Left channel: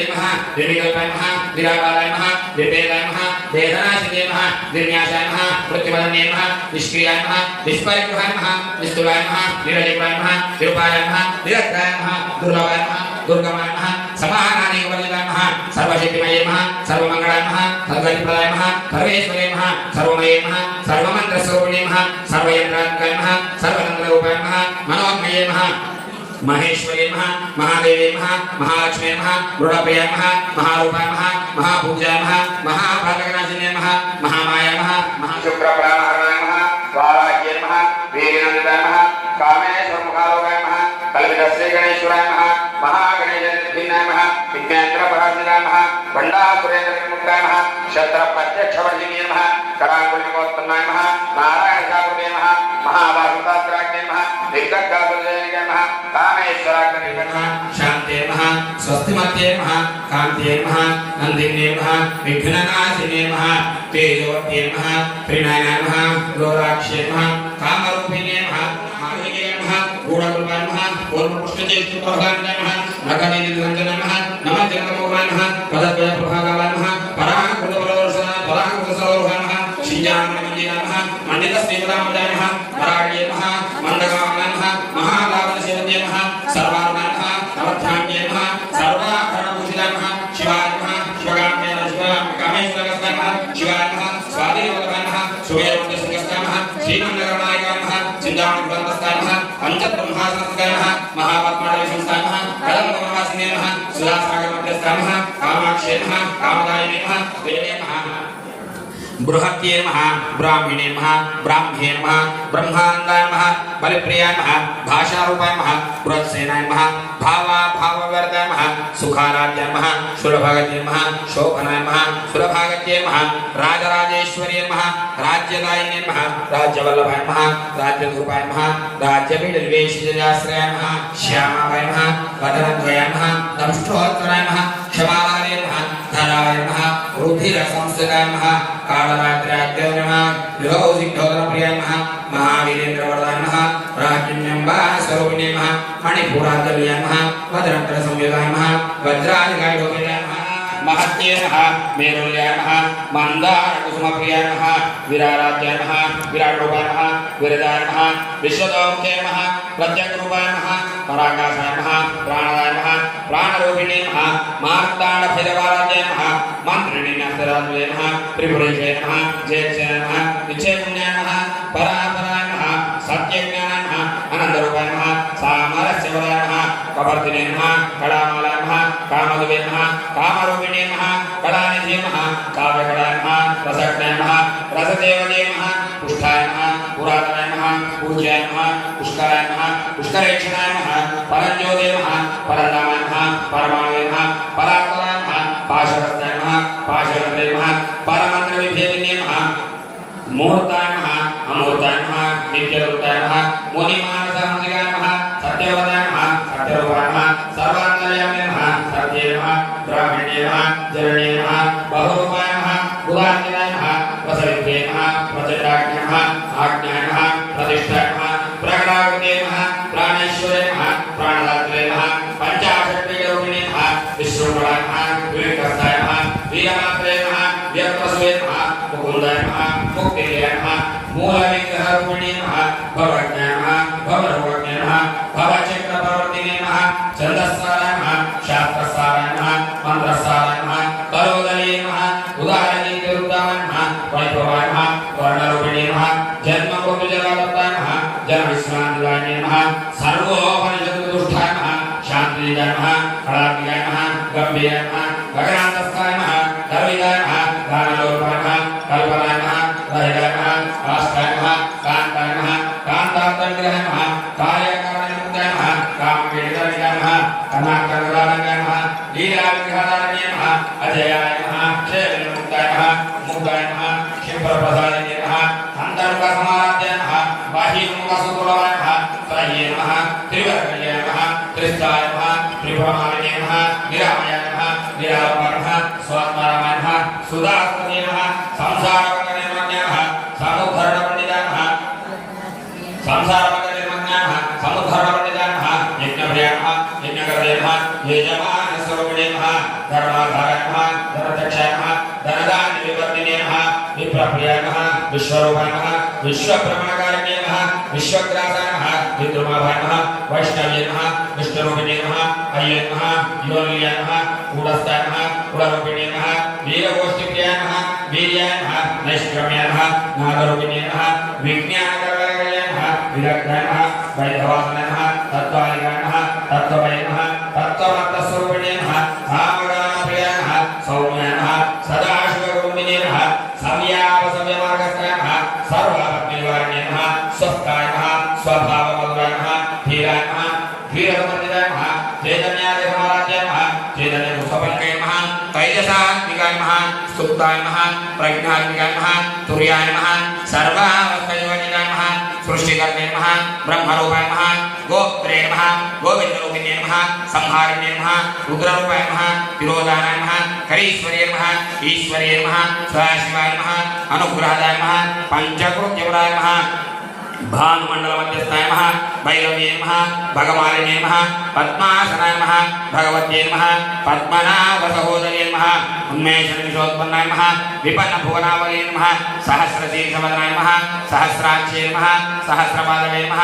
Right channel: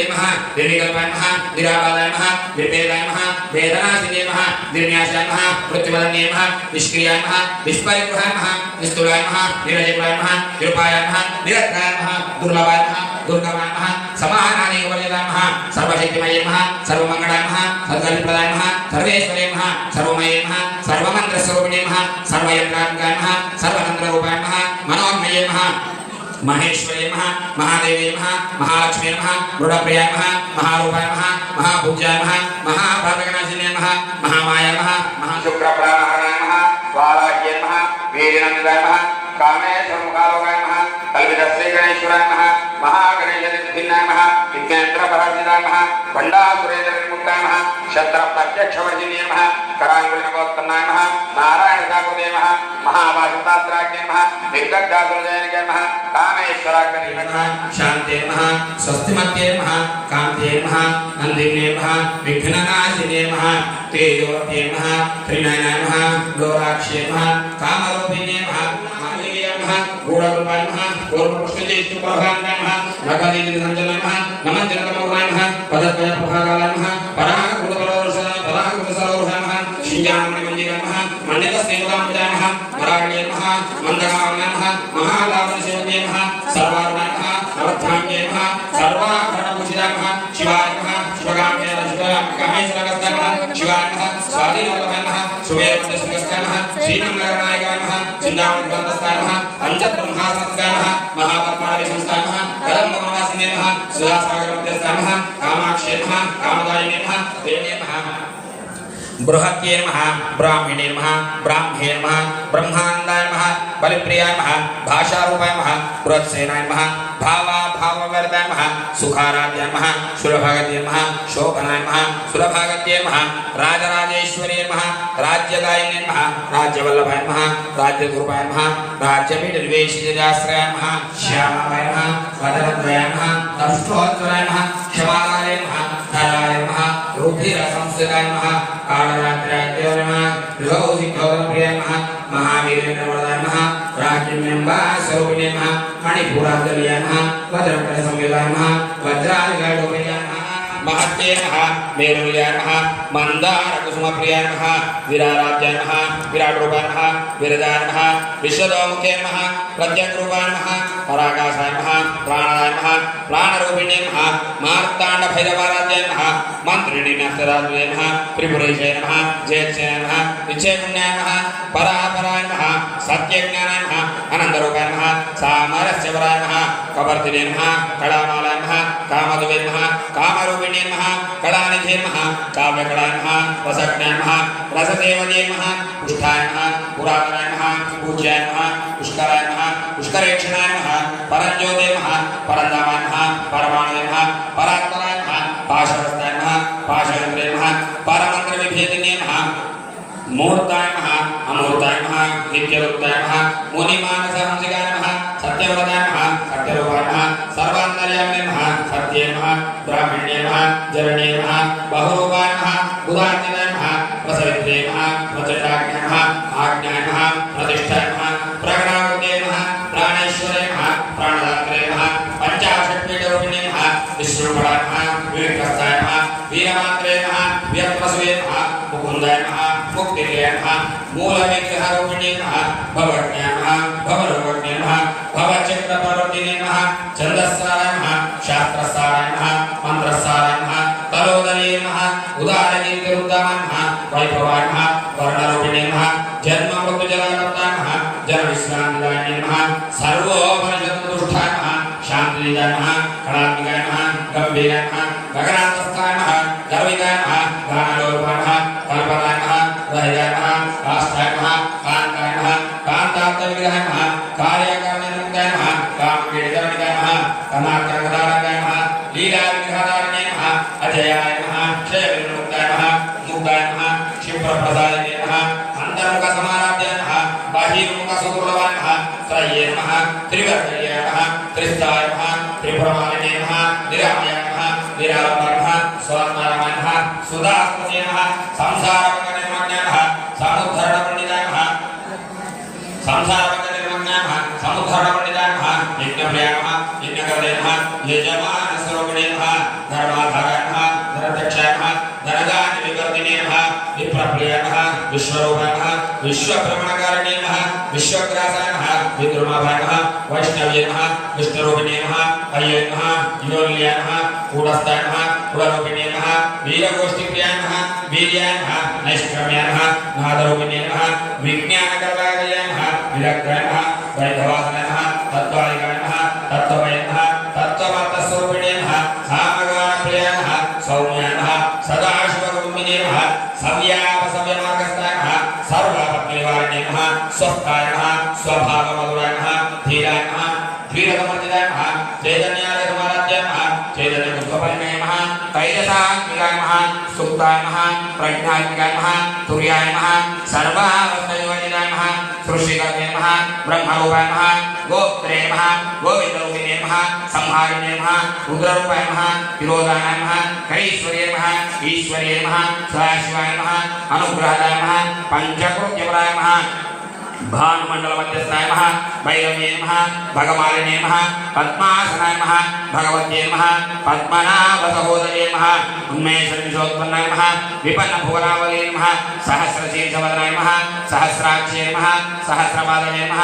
निर्विकासिने नमः निर्विकल्पाय नमः निराबालाय नमः निर्वेदाय नमः वेदनासिने नमः निर्न्यासाय नमः मृत्युवदने नमः निष्क्रियाय नमः निष्परिग्रहाय नमः निस्तुलाय नमः निरजिताय नमः निरुपाय नमः निरत्राय नमः दुर्लभाय नमः दुर्गमाय नमः समानानि वरदाय नमः सर्वशक्तिमये नमः सर्वमङ्गलाय नमः सर्वगतिप्रदाय नमः सर्वेश्वरे नमः सर्वमये नमः सर्वमन्त्रस्वरूपिणे नमः सर्वयन्त्रात्मकाय नमः सर्वतन्त्ररूपाय नमः मनोमये नमः महेश्वरे नमः महादेवे नमः महालक्ष्मी नमः मृडप्रियाय नमः महारूपाय नमः महापूज्याय नमः महाभागनाशिने नमः महामाया नमः महाशुक्रप्राणाय नमः वाराह्ये नमः वीरनन्दाय नमः कामेश्वरमुखारोगाय नमः कल्पितस्य गणेश्वराय नमः महागणेशनिधिनाय नमः विज्ञानप्रभासिताय नमः वण्डासुरेन्द्रविमुक्ताय नमः शत्रप्रत्यक्षवर्जिने नमः कराङ्गुलिकोत्तमाय नमः नारायणसाकुले नमः महाभारतात्राज्ञे नमः निर्गद्दासुरजयगे नमः कामेश्वराग्ने नमः शान्ते नमः स्वस्तिमत्ये नमः कान्ते नमः नन्दिने नमः विघ्ननाशिने नमः तेजोवत्ये नमः त्रिनयनाय नमः लोलाक्षे नमः कामरूपिणे नमः माधुर्ये नमः गूढरूपाय नमः पूर्वपुष्पचैत्युपभागाय नमः नखनिधिरञ्जनाय नमः नमः जगन्मोहनाय नमः पदद्वयप्रभागाय नमः पराङ्कुशसरोरुहाय नमः शिञ्जानमण्डिताय नमः मण्डितस्नेहकामजाय नमः पराण्ये नमः मन्दकामाय नमः महालाभनसेवते नमः सर्वार्वाय नमः नवध्यान्ये नमः सर्वाभरणभूषिताय नमः शिवाय नमः शिवगाम्याय नमः कामेश्वरगस्ताय नमः शिवाय नमः स्वाधीनवल्लभाय नमः सुमेरुवन्दस्ताय नमः श्रीनन्दकरनायकाय नमः चिन्तामणिवन्तस्ताय नमः अञ्जब्रह्मासनस्ताय नमः महापद्मालयसंस्थाय नमः कदम्बवासिने नमः सुधासागरमध्यस्थाय नमः कामाक्षे नमः कामदायिने नमः वेणे नमः बृहत्ये नमः ब्राह्मणे नमः ब्राह्मे नमः ब्रह्मानन्दाय नमः बलिप्रियाय नमः भाषारूपाय नमः बृहत्सेनाय नमः भावाभाववर्धाय नमः सुखाराध्याय नमः सुरभागत्ये नमः शोभनाय नमः सुरभागत्ये नमः राजराजेश्वरी नमः राज्यदायिने नमः राज्यवल्लभाय नमः राज्यधूपाय नमः राज्यपीठनिवेशिताश्रयाय नमः श्यामाय नमः वदनद्वयाय नमः दंष्टोत्तराय नमः क्षमालाय नमः धराय नमः रुधिरसंस्थिताय नमः कालरात्र्याय नमः लोहितोदप्रियाय नमः महावीरेन्द्रवरदाय नमः राज्ञम्बास्वरूपिणे नमः मणिपूरार्गव्याय नमः वज्रकटसंयुताय नमः वज्रादिकाढोपयाय नमः महत्ये नमः मेरुल्याय नमः मन्दारकुसुमप्रियाय नमः विराराध्याय नमः विराटरूपाय नमः विरदाय नमः विश्वदौमुखे नमः प्रत्यग्रूपाय नमः पराकाशाय नमः प्राणाय नमः प्राणरूपिणे नमः मार्ताण्डभैरवाराध्याय नमः मन्त्रिणे नस्तराध्याय नमः त्रिपुरेशाय नमः जयेच्छाय नमः निश्चयपुण्याय नमः परापराय नमः सत्यज्ञानाय नमः आनन्दरूपाय नमः सामरस्यवराय नमः कवर्तिने नमः कलामालाय नमः कामधुवे नमः कामरूपिणे नमः कलानिधे नमः काव्यकलाय नमः रसज्ञाय नमः रसदेवते नमः पुष्टाय नमः पुरातनाय नमः पूज्याय नमः पुष्कराय नमः पुष्करेक्षणाय नमः परज्योते नमः परनामाय नमः परमाणवे नमः परात्मनाय नमः पाशवस्ताय नमः पाशवन्ते नमः परमन्त्रविभेदिने नमः मुहूर्ताय नमः अमूर्ताय नमः नित्यरूपाय नमः मुनिमानसहंसिकाय नमः सत्यवदाय नमः सत्यरूपाय नमः सर्वान्तर्यामिने नमः सत्ये नमः ब्राह्मणे नमः जरणे नमः बहुरूपाय नमः बुधान्विताय नमः प्रसवित्रे नमः प्रचण्डाग्ने नमः आज्ञाय नमः प्रतिष्ठाय नमः प्रगणागुणे नमः प्राणेश्वरे नमः प्राणदात्रे नमः पञ्चाशत्पीठरूपिणे नमः विष्णुफलाय नमः विवेकस्ताय नमः वीरमात्रे नमः वीरप्रसवे नमः मुकुन्दाय नमः मुक्तिले नमः मूलविग्रहरूपिणे नमः भवज्ञाय नमः भवरोगज्ञे नमः भवचक्रप्रवर्तिने नमः छन्दस्साराय नमः शास्त्रस्साराय नमः मन्त्रस्साराय नमः तलोदरे नमः उदारनीतिरुद्धाय नमः वैभवाय नमः वर्णरूपिणे नमः जन्मबहुजगादत्ताय नमः जनविश्रान्तिदायिने नमः सर्वोपनिषद्दुष्टाय नमः शान्तिजाय नमः कलात्मिकाय नमः गम्भीराय नमः गगनान्तस्थाय नमः गर्विकाय नमः गानलोपाय नमः कल्पनाय नमः रहिताय नमः काष्ठाय नमः कान्ताय नमः कान्तार्थविग्रहाय नमः कार्याकारणमुक्ताय नमः कामपीडितविग्रहाय नमः कनाकरगदारण्याय नमः लीलाविग्रहदारण्याय नमः अजयाय नमः क्षयविमुक्ताय नमः मुक्ताय नमः क्षिप्रप्रसादिने नमः अन्तर्मुखसमाराध्याय नमः बाह्यमुखसुदुर्लभाय नमः त्रय्ये नमः त्रिवर्गल्ये नमः त्रिस्ताय नमः त्रिपुरमालिने नमः निरामयाय नमः निरालम्बाय नमः स्वात्मारामाय नमः सुधास्पतये नमः संसारपतनिर्मग्नाय नमः समुद्धरणपण्डिताय नमः संसारपतनिर्मग्नाय नमः समुद्धरणपण्डिताय नमः यज्ञप्रियाय नमः यज्ञकर्ते नमः यजमानस्वरूपिणे नमः धर्माधाराय नमः धनदक्षाय नमः धनदानि विवर्धिने नमः विप्रप्रियाय नमः विश्वरूपाय नमः विश्वभ्रमणकारिणे नमः विश्वग्रासाय नमः विद्रुमाभाय नमः वैष्णव्ये नमः विष्णुरूपिणे नमः अय्ये नमः योनियाय नमः कूटस्थाय नमः कुलरूपिणे नमः वीरगोष्ठीप्रियाय नमः वीर्याय नमः नैष्क्रम्याय नमः नादरूपिणे नमः विज्ञानकरणाय नमः विरक्ताय नमः वैधवासनाय नमः तत्त्वालिकाय नमः तत्त्वमये नमः तत्त्वमर्थस्वरूपिणे नमः सामगानप्रियाय नमः सौम्याय नमः सदाशिवरूपिणे नमः सव्यापसव्यमार्गस्थाय नमः सर्वापत्निवारिणे नमः स्वस्थाय नमः स्वभावमधुराय नमः धीराय नमः धीरसमर्जिताय नमः चैतन्यादिसमाराध्याय नमः चैतन्यमुक्तपल्काय नमः तैजसात्मिकाय नमः सुप्ताय नमः प्रज्ञात्मिकाय नमः तुर्याय नमः सर्वावस्थायोनिताय नमः सृष्टिकर्ते नमः ब्रह्मरूपाय नमः गोत्रे नमः गोविन्दरूपिणे नमः संहारिणे नमः रुद्ररूपाय नमः तिरोधानाय नमः करीश्वर्ये नमः ईश्वर्ये नमः सदाशिवाय नमः अनुग्रहाय नमः पंचकोट्यवराय नमः भानुमंडल मध्यस्थाय नमः भैरव्ये नमः भगवाने नमः पद्मासनाय नमः भगवत्ये नमः पद्मनाभसहोदर्ये नमः उन्मेषनिशोत्पन्नाय नमः विपन्नभुवनावले नमः सहस्रशीर्षवदनाय नमः सहस्राक्षे नमः सहस्रपादवे नमः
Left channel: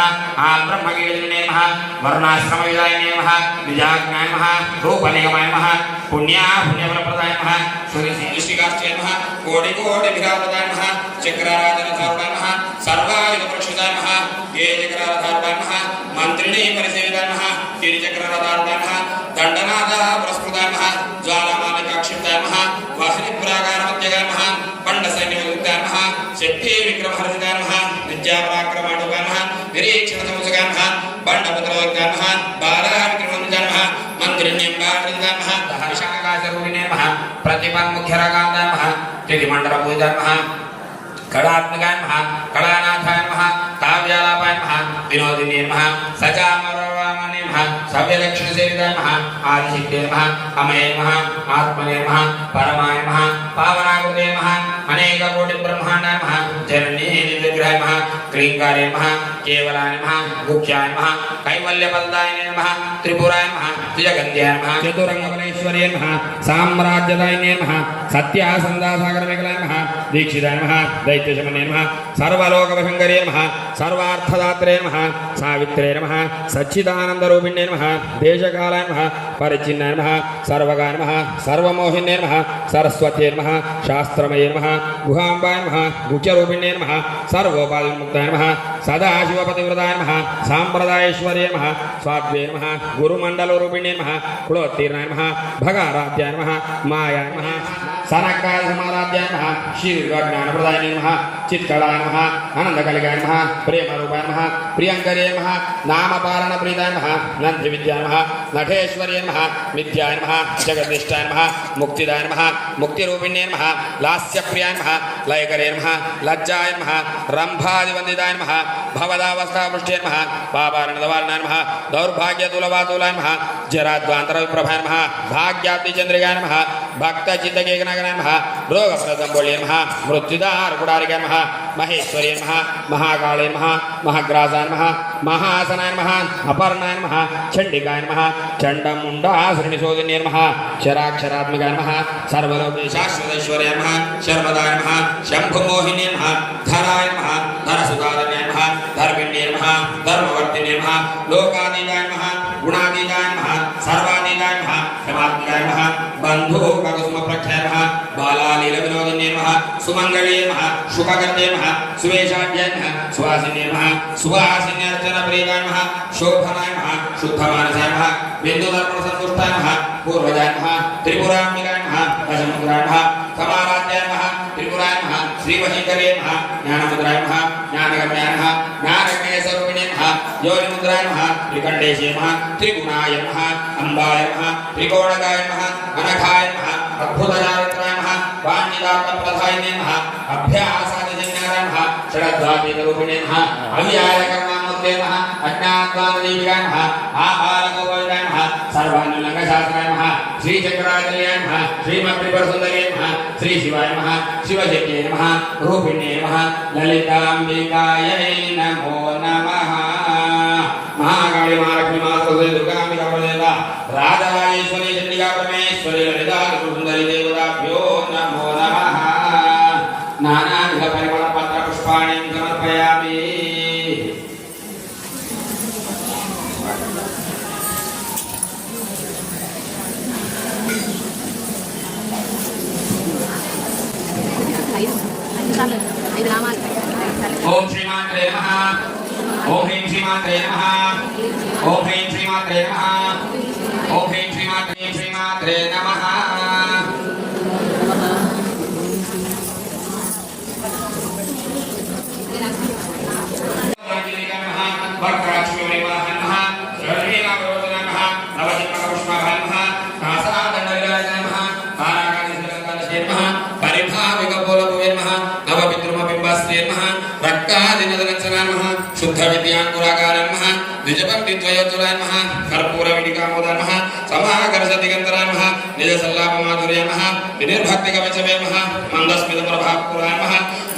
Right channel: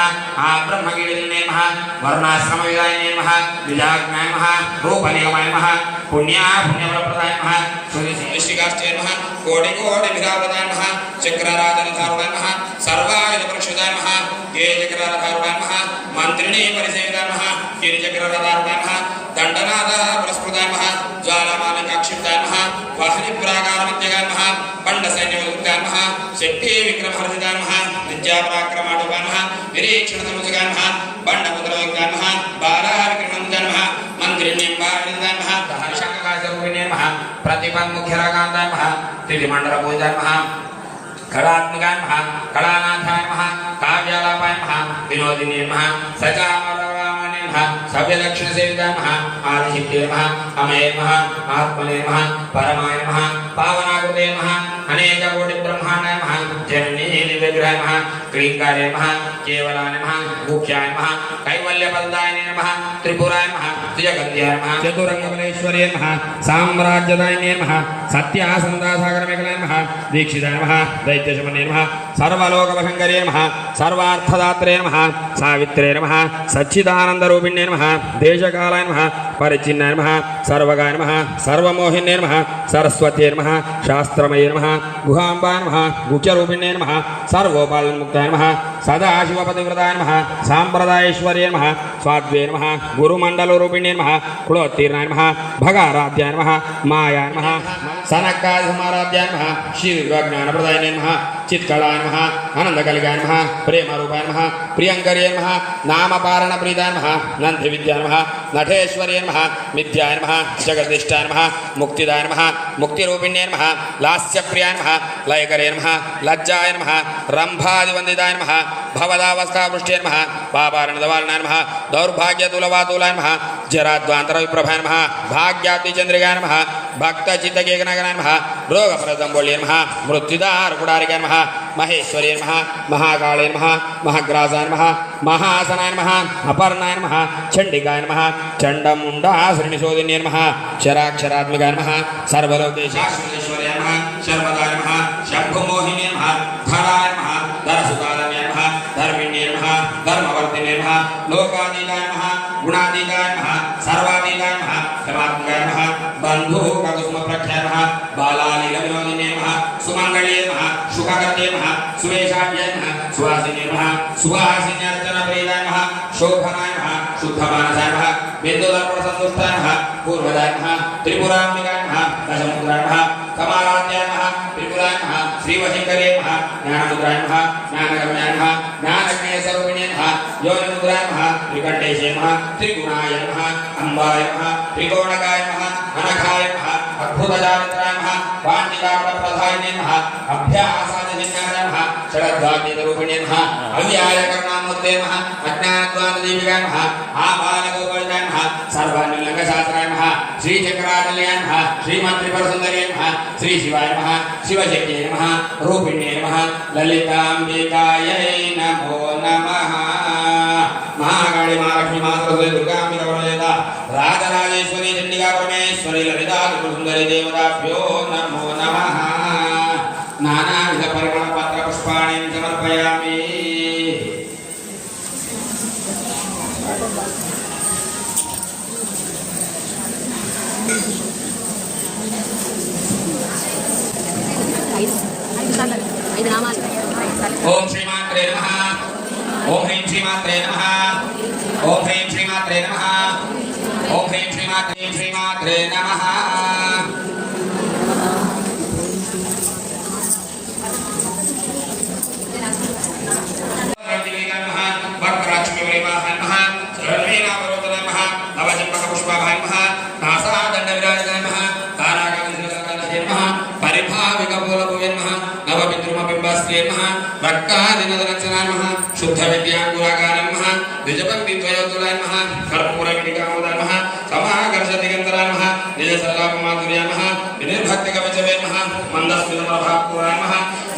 आब्रह्मगीलिने नमः वर्णाश्रमविदायिने नमः निजाज्ञाय नमः रूपनिगमाय नमः पुण्यफलप्रदाय नमः सूर्यसिंहश्रीकाष्ठे नमः कोटिकोटिभिरावदाय नमः चक्राराधनधारुणाय नमः सर्वायुधपरिक्षुताय नमः चक्रराधारुणाय नमः मन्त्रिणे परिसेविताय नमः गिरिचक्रराधारुणाय नमः दण्डनाथः पुरस्कृताय नमः ज्वालामालिकाक्षिप्ताय नमः वाहनिप्राकारमध्यगाय नमः पण्डसैन्यविरुद्धाय नमः शक्ति विक्रमहर्जिताय नमः विद्यापराक्रमाणुकाय नमः निरीक्षणसमुद्गाय नमः बण्डपुत्रविद्याय नमः बालाविक्रमणिताय नमः मन्त्रिणीम्बावृताय नमः दहर्षाकाशरूपिणे नमः प्रतिपन्मुख्यरागान्ताय नमः तिथिमण्डलपूजिताय नमः कलात्मकाय नमः कलानाथाय नमः काव्यालापाय नमः विनोदिने नमः सचामरवामने नमः सव्यलक्षणसेविताय नमः आदिशक्ते नमः अमये नमः आत्मने नमः परमाय नमः पावनाकृते नमः अनेककोटिब्रह्माण्डाय नमः जननीनिविग्रहाय नमः क्लीङ्कारे नमः केवलाय नमः मुख्याय नमः कैवल्यपदाय नमः त्रिपुराय नमः जगन्त्याय नमः चतुरङ्गबलेश्वर्ये नमः साम्राज्यदायिने नमः सत्यासन्दासागरमेखलाय नमः दीक्षिताय नमः दैत्यशमने नमः सर्वलोकवशङ्करे नमः सर्वार्थदात्रे नमः सावित्रे नमः सच्चिदानन्दरूपिणे नमः देशकालाय नमः परिचिन्नाय नमः सर्वगाय नमः सर्वमोहिने नमः सरस्वत्यै नमः शास्त्रमये नमः गुहाम्बाय नमः गुह्यरूपिणे नमः सर्वोपालमुक्ताय नमः सदाशिवपतिव्रताय नमः साम्प्रदायेश्वर्ये नमः स्वाद्वे नमः गुरुमण्डलरूपिणे नमः कुलोत्तीर्णाय नमः भगाराध्याय नमः मायाय नमः सनकादिसमाराध्याय नमः शीर्घज्ञानप्रदायिने नमः चित्कलाय नमः आनन्दकलिकाय नमः प्रेमरूपाय नमः प्रियङ्करे नमः नामपारणप्रीताय नमः नन्दिविद्याय नमः नटेश्वर्ये नमः मिथ्याय नमः जगद्निष्ठाय नमः मुक्तिदाय नमः मुक्तिरूपिणे नमः लास्यप्रियाय नमः लयकरे नमः लज्जाय नमः रम्भादिवन्दिताय नमः भवदावस्थापुष्टे नमः पापारणदवालनाय नमः दौर्भाग्यतुलवातुलाय नमः जराद्वान्तरविप्रभाय नमः भाग्याब्धिचन्द्रिकाय नमः भक्तचित्तकेकनगराय नमः भ्रोगपरदम्बोल्ये नमः मृत्युदारकुडारिकाय नमः महेश्वर्ये नमः महाकाळे नमः महाग्रासाय नमः महासनाय नमः अपर्णाय नमः चण्डिकाय नमः चण्डमुण्डासृणिशोधिन्ये नमः शराक्षरात्मिकाय नमः सर्वलोकेशाश्वतैश्वर्याय नमः शर्मदाय नमः शम्भुमोहिन्ये नमः धराय नमः धरसुतादनाय नमः धर्मिण्ये नमः धर्मवर्तिने नमः लोकानीताय नमः गुणातीताय नमः सर्वातीताय नमः क्षमात्मिकाय नमः बन्धुककुसुमप्रख्याय नमः बालालीलविनोदिने नमः सुमङ्गल्ये नमः शुभकर्ते नमः सुवेशाढ्याय नमः सुहासिने नमः सुहासिन्यार्चनप्रियाय नमः शोभनाय नमः शुद्धमानसाय नमः बिन्दुदर्पणसन्तुष्टाय नमः पूर्वजाय नमः त्रिपुराम्बिकाय नमः दशमुद्राय नमः समाराध्याय नमः त्रिपुराय नमः श्रीवशङ्करे नमः ज्ञानमुद्राय नमः ज्ञानगम्याय नमः ज्ञानज्ञेयस्वरूपिणे नमः योनिमुद्राय नमः त्रिकण्डेशे नमः त्रिगुणाय नमः अम्बाय नमः त्रिकोणकाय नमः अनघाय नमः अद्भुतचारित्राय नमः पाण्डितार्थप्रधायिने नमः अभ्यासादिजन्याय नमः षडद्वातीतरूपिणे नमः अव्याय कर्णामूर्ते नमः अज्ञानद्वान्तदीपिकाय नमः आपालगोपालाय नमः सर्वानुल्लङ्घशास्त्राय नमः श्रीचक्राकल्याय नमः श्रीमन्त्रिपरसुन्दरे नमः श्रीशिवाय नमः शिवशक्त्यै नमः रूपिण्ये नमः ललिताम्बिकायै नमो नमः महाकाली महालक्ष्मी मातृ दुर्गाम्बिका राजराजेश्वरी चण्डिका परमेश्वरी परमेश्वरी ललितात्रिपुरसुन्दरी देवताभ्यो नमो नमः नानाविध परिमलपत्र पुष्पाणि समर्पयामि ओम श्रीमात्रे नमः ओम ह्रीं श्रीमात्रे नमः ओम ह्रीं श्रीमात्रे नमः ओम ह्रीं श्रीमात्रे नमः शुद्ध विद्यांकुराकारमः द्विजपंडित्वयोतुरामः कर्पूरविडिकामोदामः समागर्षदिगन्तरामः निजसल्लापमाधुर्यामः विनिर्भक्तिकवचवेमः मन्दस्मितप्रभापूरामः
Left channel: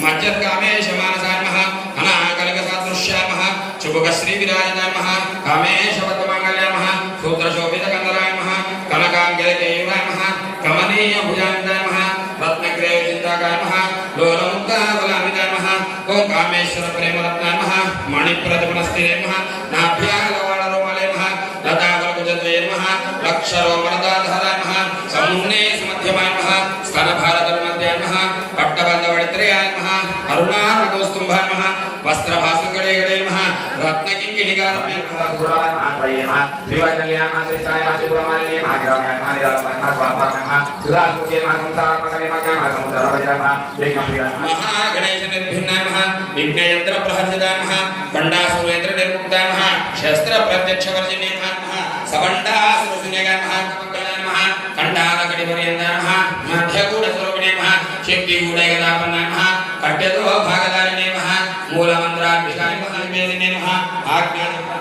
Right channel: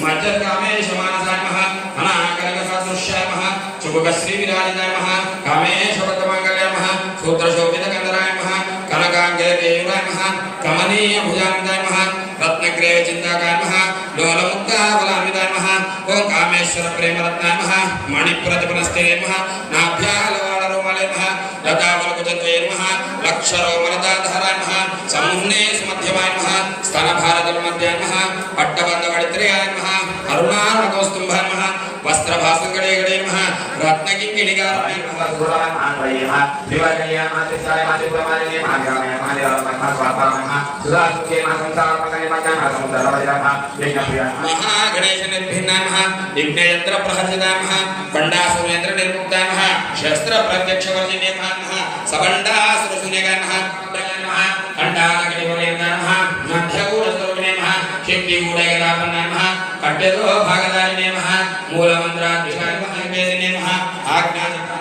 मज्जत्कामेशमानसामः अनाकलिकसादृश्यामः चुबुकश्रीविराजनामः कामेशपदमाङ्गल्यामः सूत्रशोभितकन्दरामः कनकाङ्गयदेवामः कमनीयभुजाङ्गामः रत्नग्रेवचिन्ताकामः लोलमुक्ताबलान्वितामः ओं कामेश्वर प्रेमरत्नामः मणिप्रतिपनस्तेमः नाभ्यालवाणरोमलेमः लतावलकुजद्वयेमः लक्षरोमलदाधरामः समूह्ने सुमध्यमामः स्तनभारतन्मध्यमः पट्टबन्धवडित्रयामः करुणानकोस्तुम्भामः वस्त्रभासुकडेगडेमः रत्नकिङ्किणिकामः गुणामः शिवकल्यामः त्रिसायमः शिवमालिनीमः ग्राम्यामः निरात्मकः स्वात्मकः सुधासुखेमः संसारमकलेमः समुद्रवदिरमः विघ्नप्रियामः महागणेशनिर्भिन्नामः विघ्नयन्त्रप्रहर्षितामः बण्डासुरेन्द्रनिर्मुक्तामः शस्त्रप्रत्यक्षवर्जिनीमः सबण्डासुरशून्यगामः खण्डालकटिवर्यङ्गामः मध्यगूढस्वरूपिणीमः शक्तिगूढयदापन्नामः कट्यतो भागदारिणीमः मूलमन्त्राद्विषायमः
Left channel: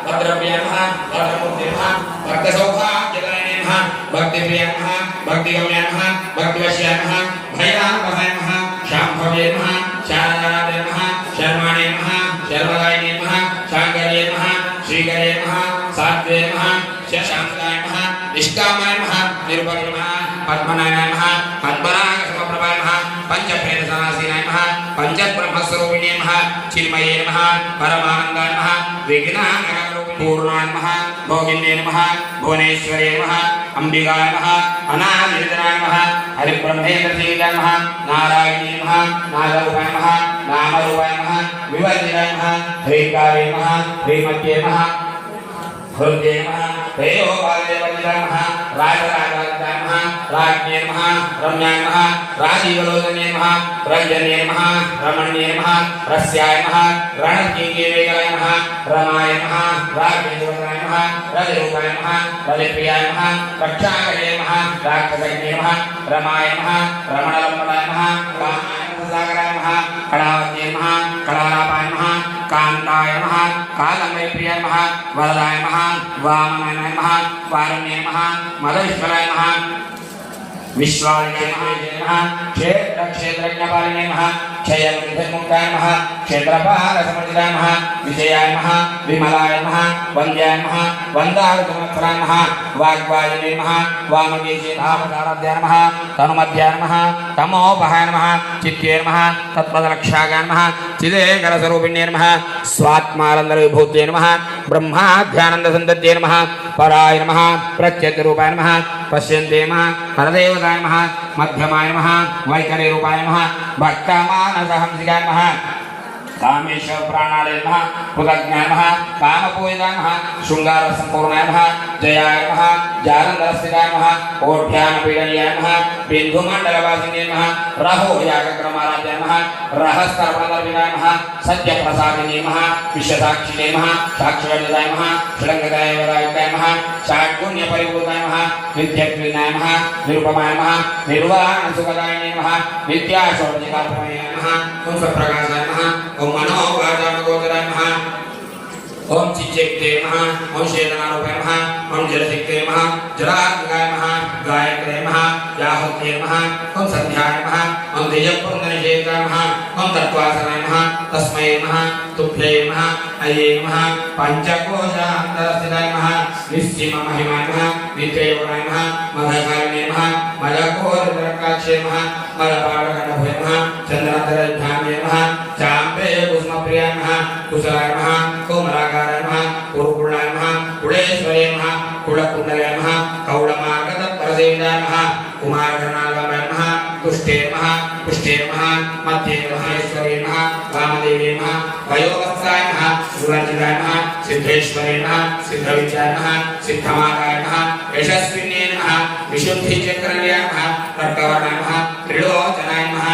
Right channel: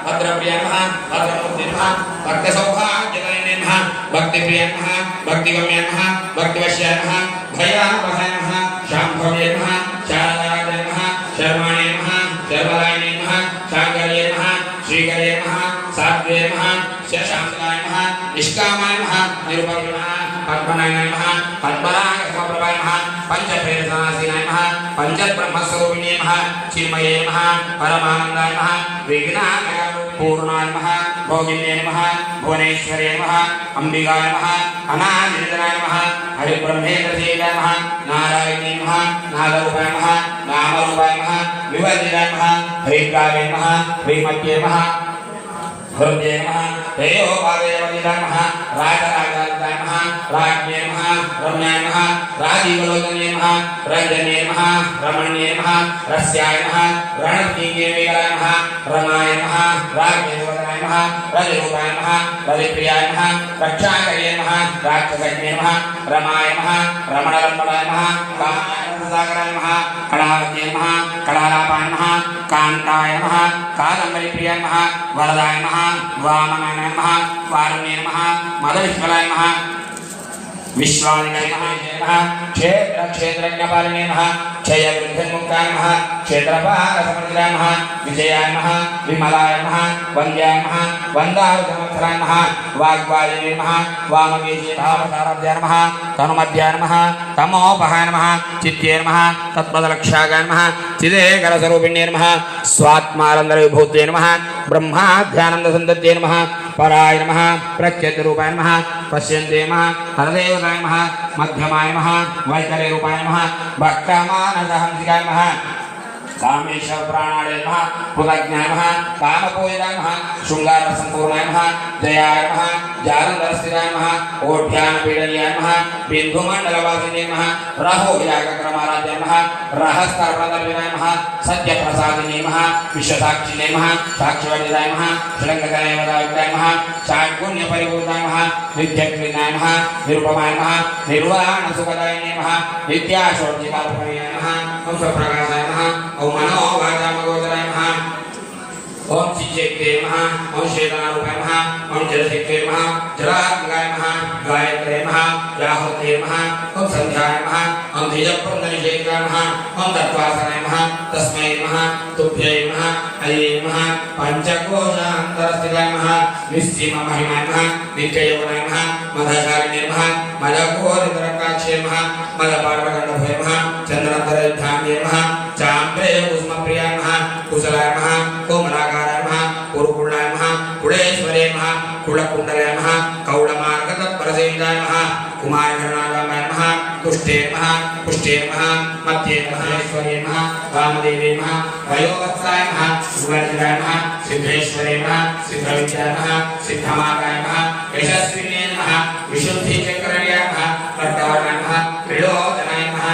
भद्रप्रियामः भद्रपुत्रीमः भक्तसौभाग्यदायिनीमः भक्तिप्रियामः भक्तिगम्यामः भक्तिवश्यामः भयापहामः शाम्भव्येमः शारदादेमः शर्माणेमः शर्वदायिनीमः शाङ्कर्येमः श्रीकर्येमः सात्वेमः शशान्तदायिमः निष्कामायमः निरुपगिमः पद्मनायनमः पद्मनागसमप्रभायमः पञ्चप्रेरसनासीनायमः पञ्चब्रह्मस्वरूपिणीमः चिन्मयेमः परमानन्दायमः विघ्नानपूर्णायमः भोगिन्येमः भुवनेश्वर्येमः अम्बिकायमः अनादिनिधनायमः हरिब्रह्मेन्द्रसेनायमः नारायणीमः नागरूपायमः नामरूपायमः विवर्जितायमः ह्रीङ्कारेमः ह्रीमत्येमः हृदयेमः तेयोपादेवर्जितायमः राजराजादितायमः राज्ञेमः रम्यायमः राजीवलोचनेमः रञ्जनेमः रमण्येमः रस्यायमः रणकिङ्गेवेकरायमः रमायमः राज्ञेन्द्रवदनायमः रजरूपायमः रजप्रियायमः रक्षाकरेमः राक्षसज्ञेमः रमायमः रमणरम्भवायमः कामायमः सागरायमः कलावत्येमः कलापायमः कान्तायमः कादम्बरीप्रियायमः वरदायमः वामनायमः वारण्येमः मदविष्करायमः विश्वादिनमः क्षेत्रक्षेत्रज्ञपालिनेमः क्षयवृद्धिर्मुक्तायमः क्षेत्रपालसमुद्रायमः विजयायमः विमलायमः वन्द्यायमः वन्दारुसंवत्सरायमः वाग्वायुनेमः वामकेशीभावसाराध्यानमः तनुमध्यानमः तमोपहायनमः चित्तेर्मः तत्पदलक्षागानमः चिदेकरस्वरूपिण्येर्मः स्वात्मानन्दविभूत्यै ब्रह्माध्यानन्दसन्तत्यै नमः पराय नमः प्रत्यग्रूपाय नमः पश्यन्ते नमः हरदेवताय नमः मध्यमाय नमः वैकलेरूपाय नमः भक्तमानसहंसिकाय नमः कामेश्वर प्राणाय नमः कृतज्ञाय नमः कामपूजिताय नमः शृङ्गारसम्पूर्णाय नमः जयाय नमः जालन्दस्थिताय नमः ओढ्यानपीडनीयाय नमः बिन्दुमण्डलवासिने नमः रहोयागक्रमाराध्याय नमः रहस्तर्पणदर्पिताय नमः सत्यप्रसादिने नमः विश्वसाक्षिणे नमः साक्षिवर्जिताय नमः षडङ्गदायवदायुक्ताय नमः षाड्गुण्यपरिपूताय नमः विद्यात्रिणाय नमः निरुपमाय नमः निर्वलानसुखदायिने नमः विद्याशोर्जिकाल्पमये नमः पुंसप्रकाशाय नमः ओम मनोवाचामगोचराय नमः ओम चिच्चैते नमः ओम शेतनारूपाय नमः ओम जलशक्ते नमः जलात्मकाय नमः गायत्रे नमः याहुते नमः ओम संध्याय नमः ओम तेजःपुण्डरीशेखाय नमः ओम तत्त्वासनाय नमः तस्मै नमः तुभ्यै नमः अये नमः पंचकोशान्तरस्थिताय नमः निश्चिममहिमाय नमः नित्ययोगाय नमः मदशालिने नमः मदघोरतरकाक्षे नमः मदपाटकण्डभये नमः चन्द्रान्तरविद्याम्ये नमः चाम्रे कुसुमप्रियाय नमः कुशलाय नमः कोमलाकाराय नमः कुरुकुलाय नमः कुलेश्वरे नमः कुलकुण्डलाय नमः कौलमार्गतपरसेविताय नमः कुमारगणाय नमः तुष्टे नमः पुष्टे नमः मध्ये महेश्वरे नमः वामदेवे नमः वयोवत्साय नमः युवतिलाय नमः सिद्धेश्वरे नमः सिद्धविद्याय नमः सिद्धमागाय नमः यशस्विने नमः विशुद्धिचक्रण्याय नमः कर्कवर्णाय नमः त्रिलोचनाय नमः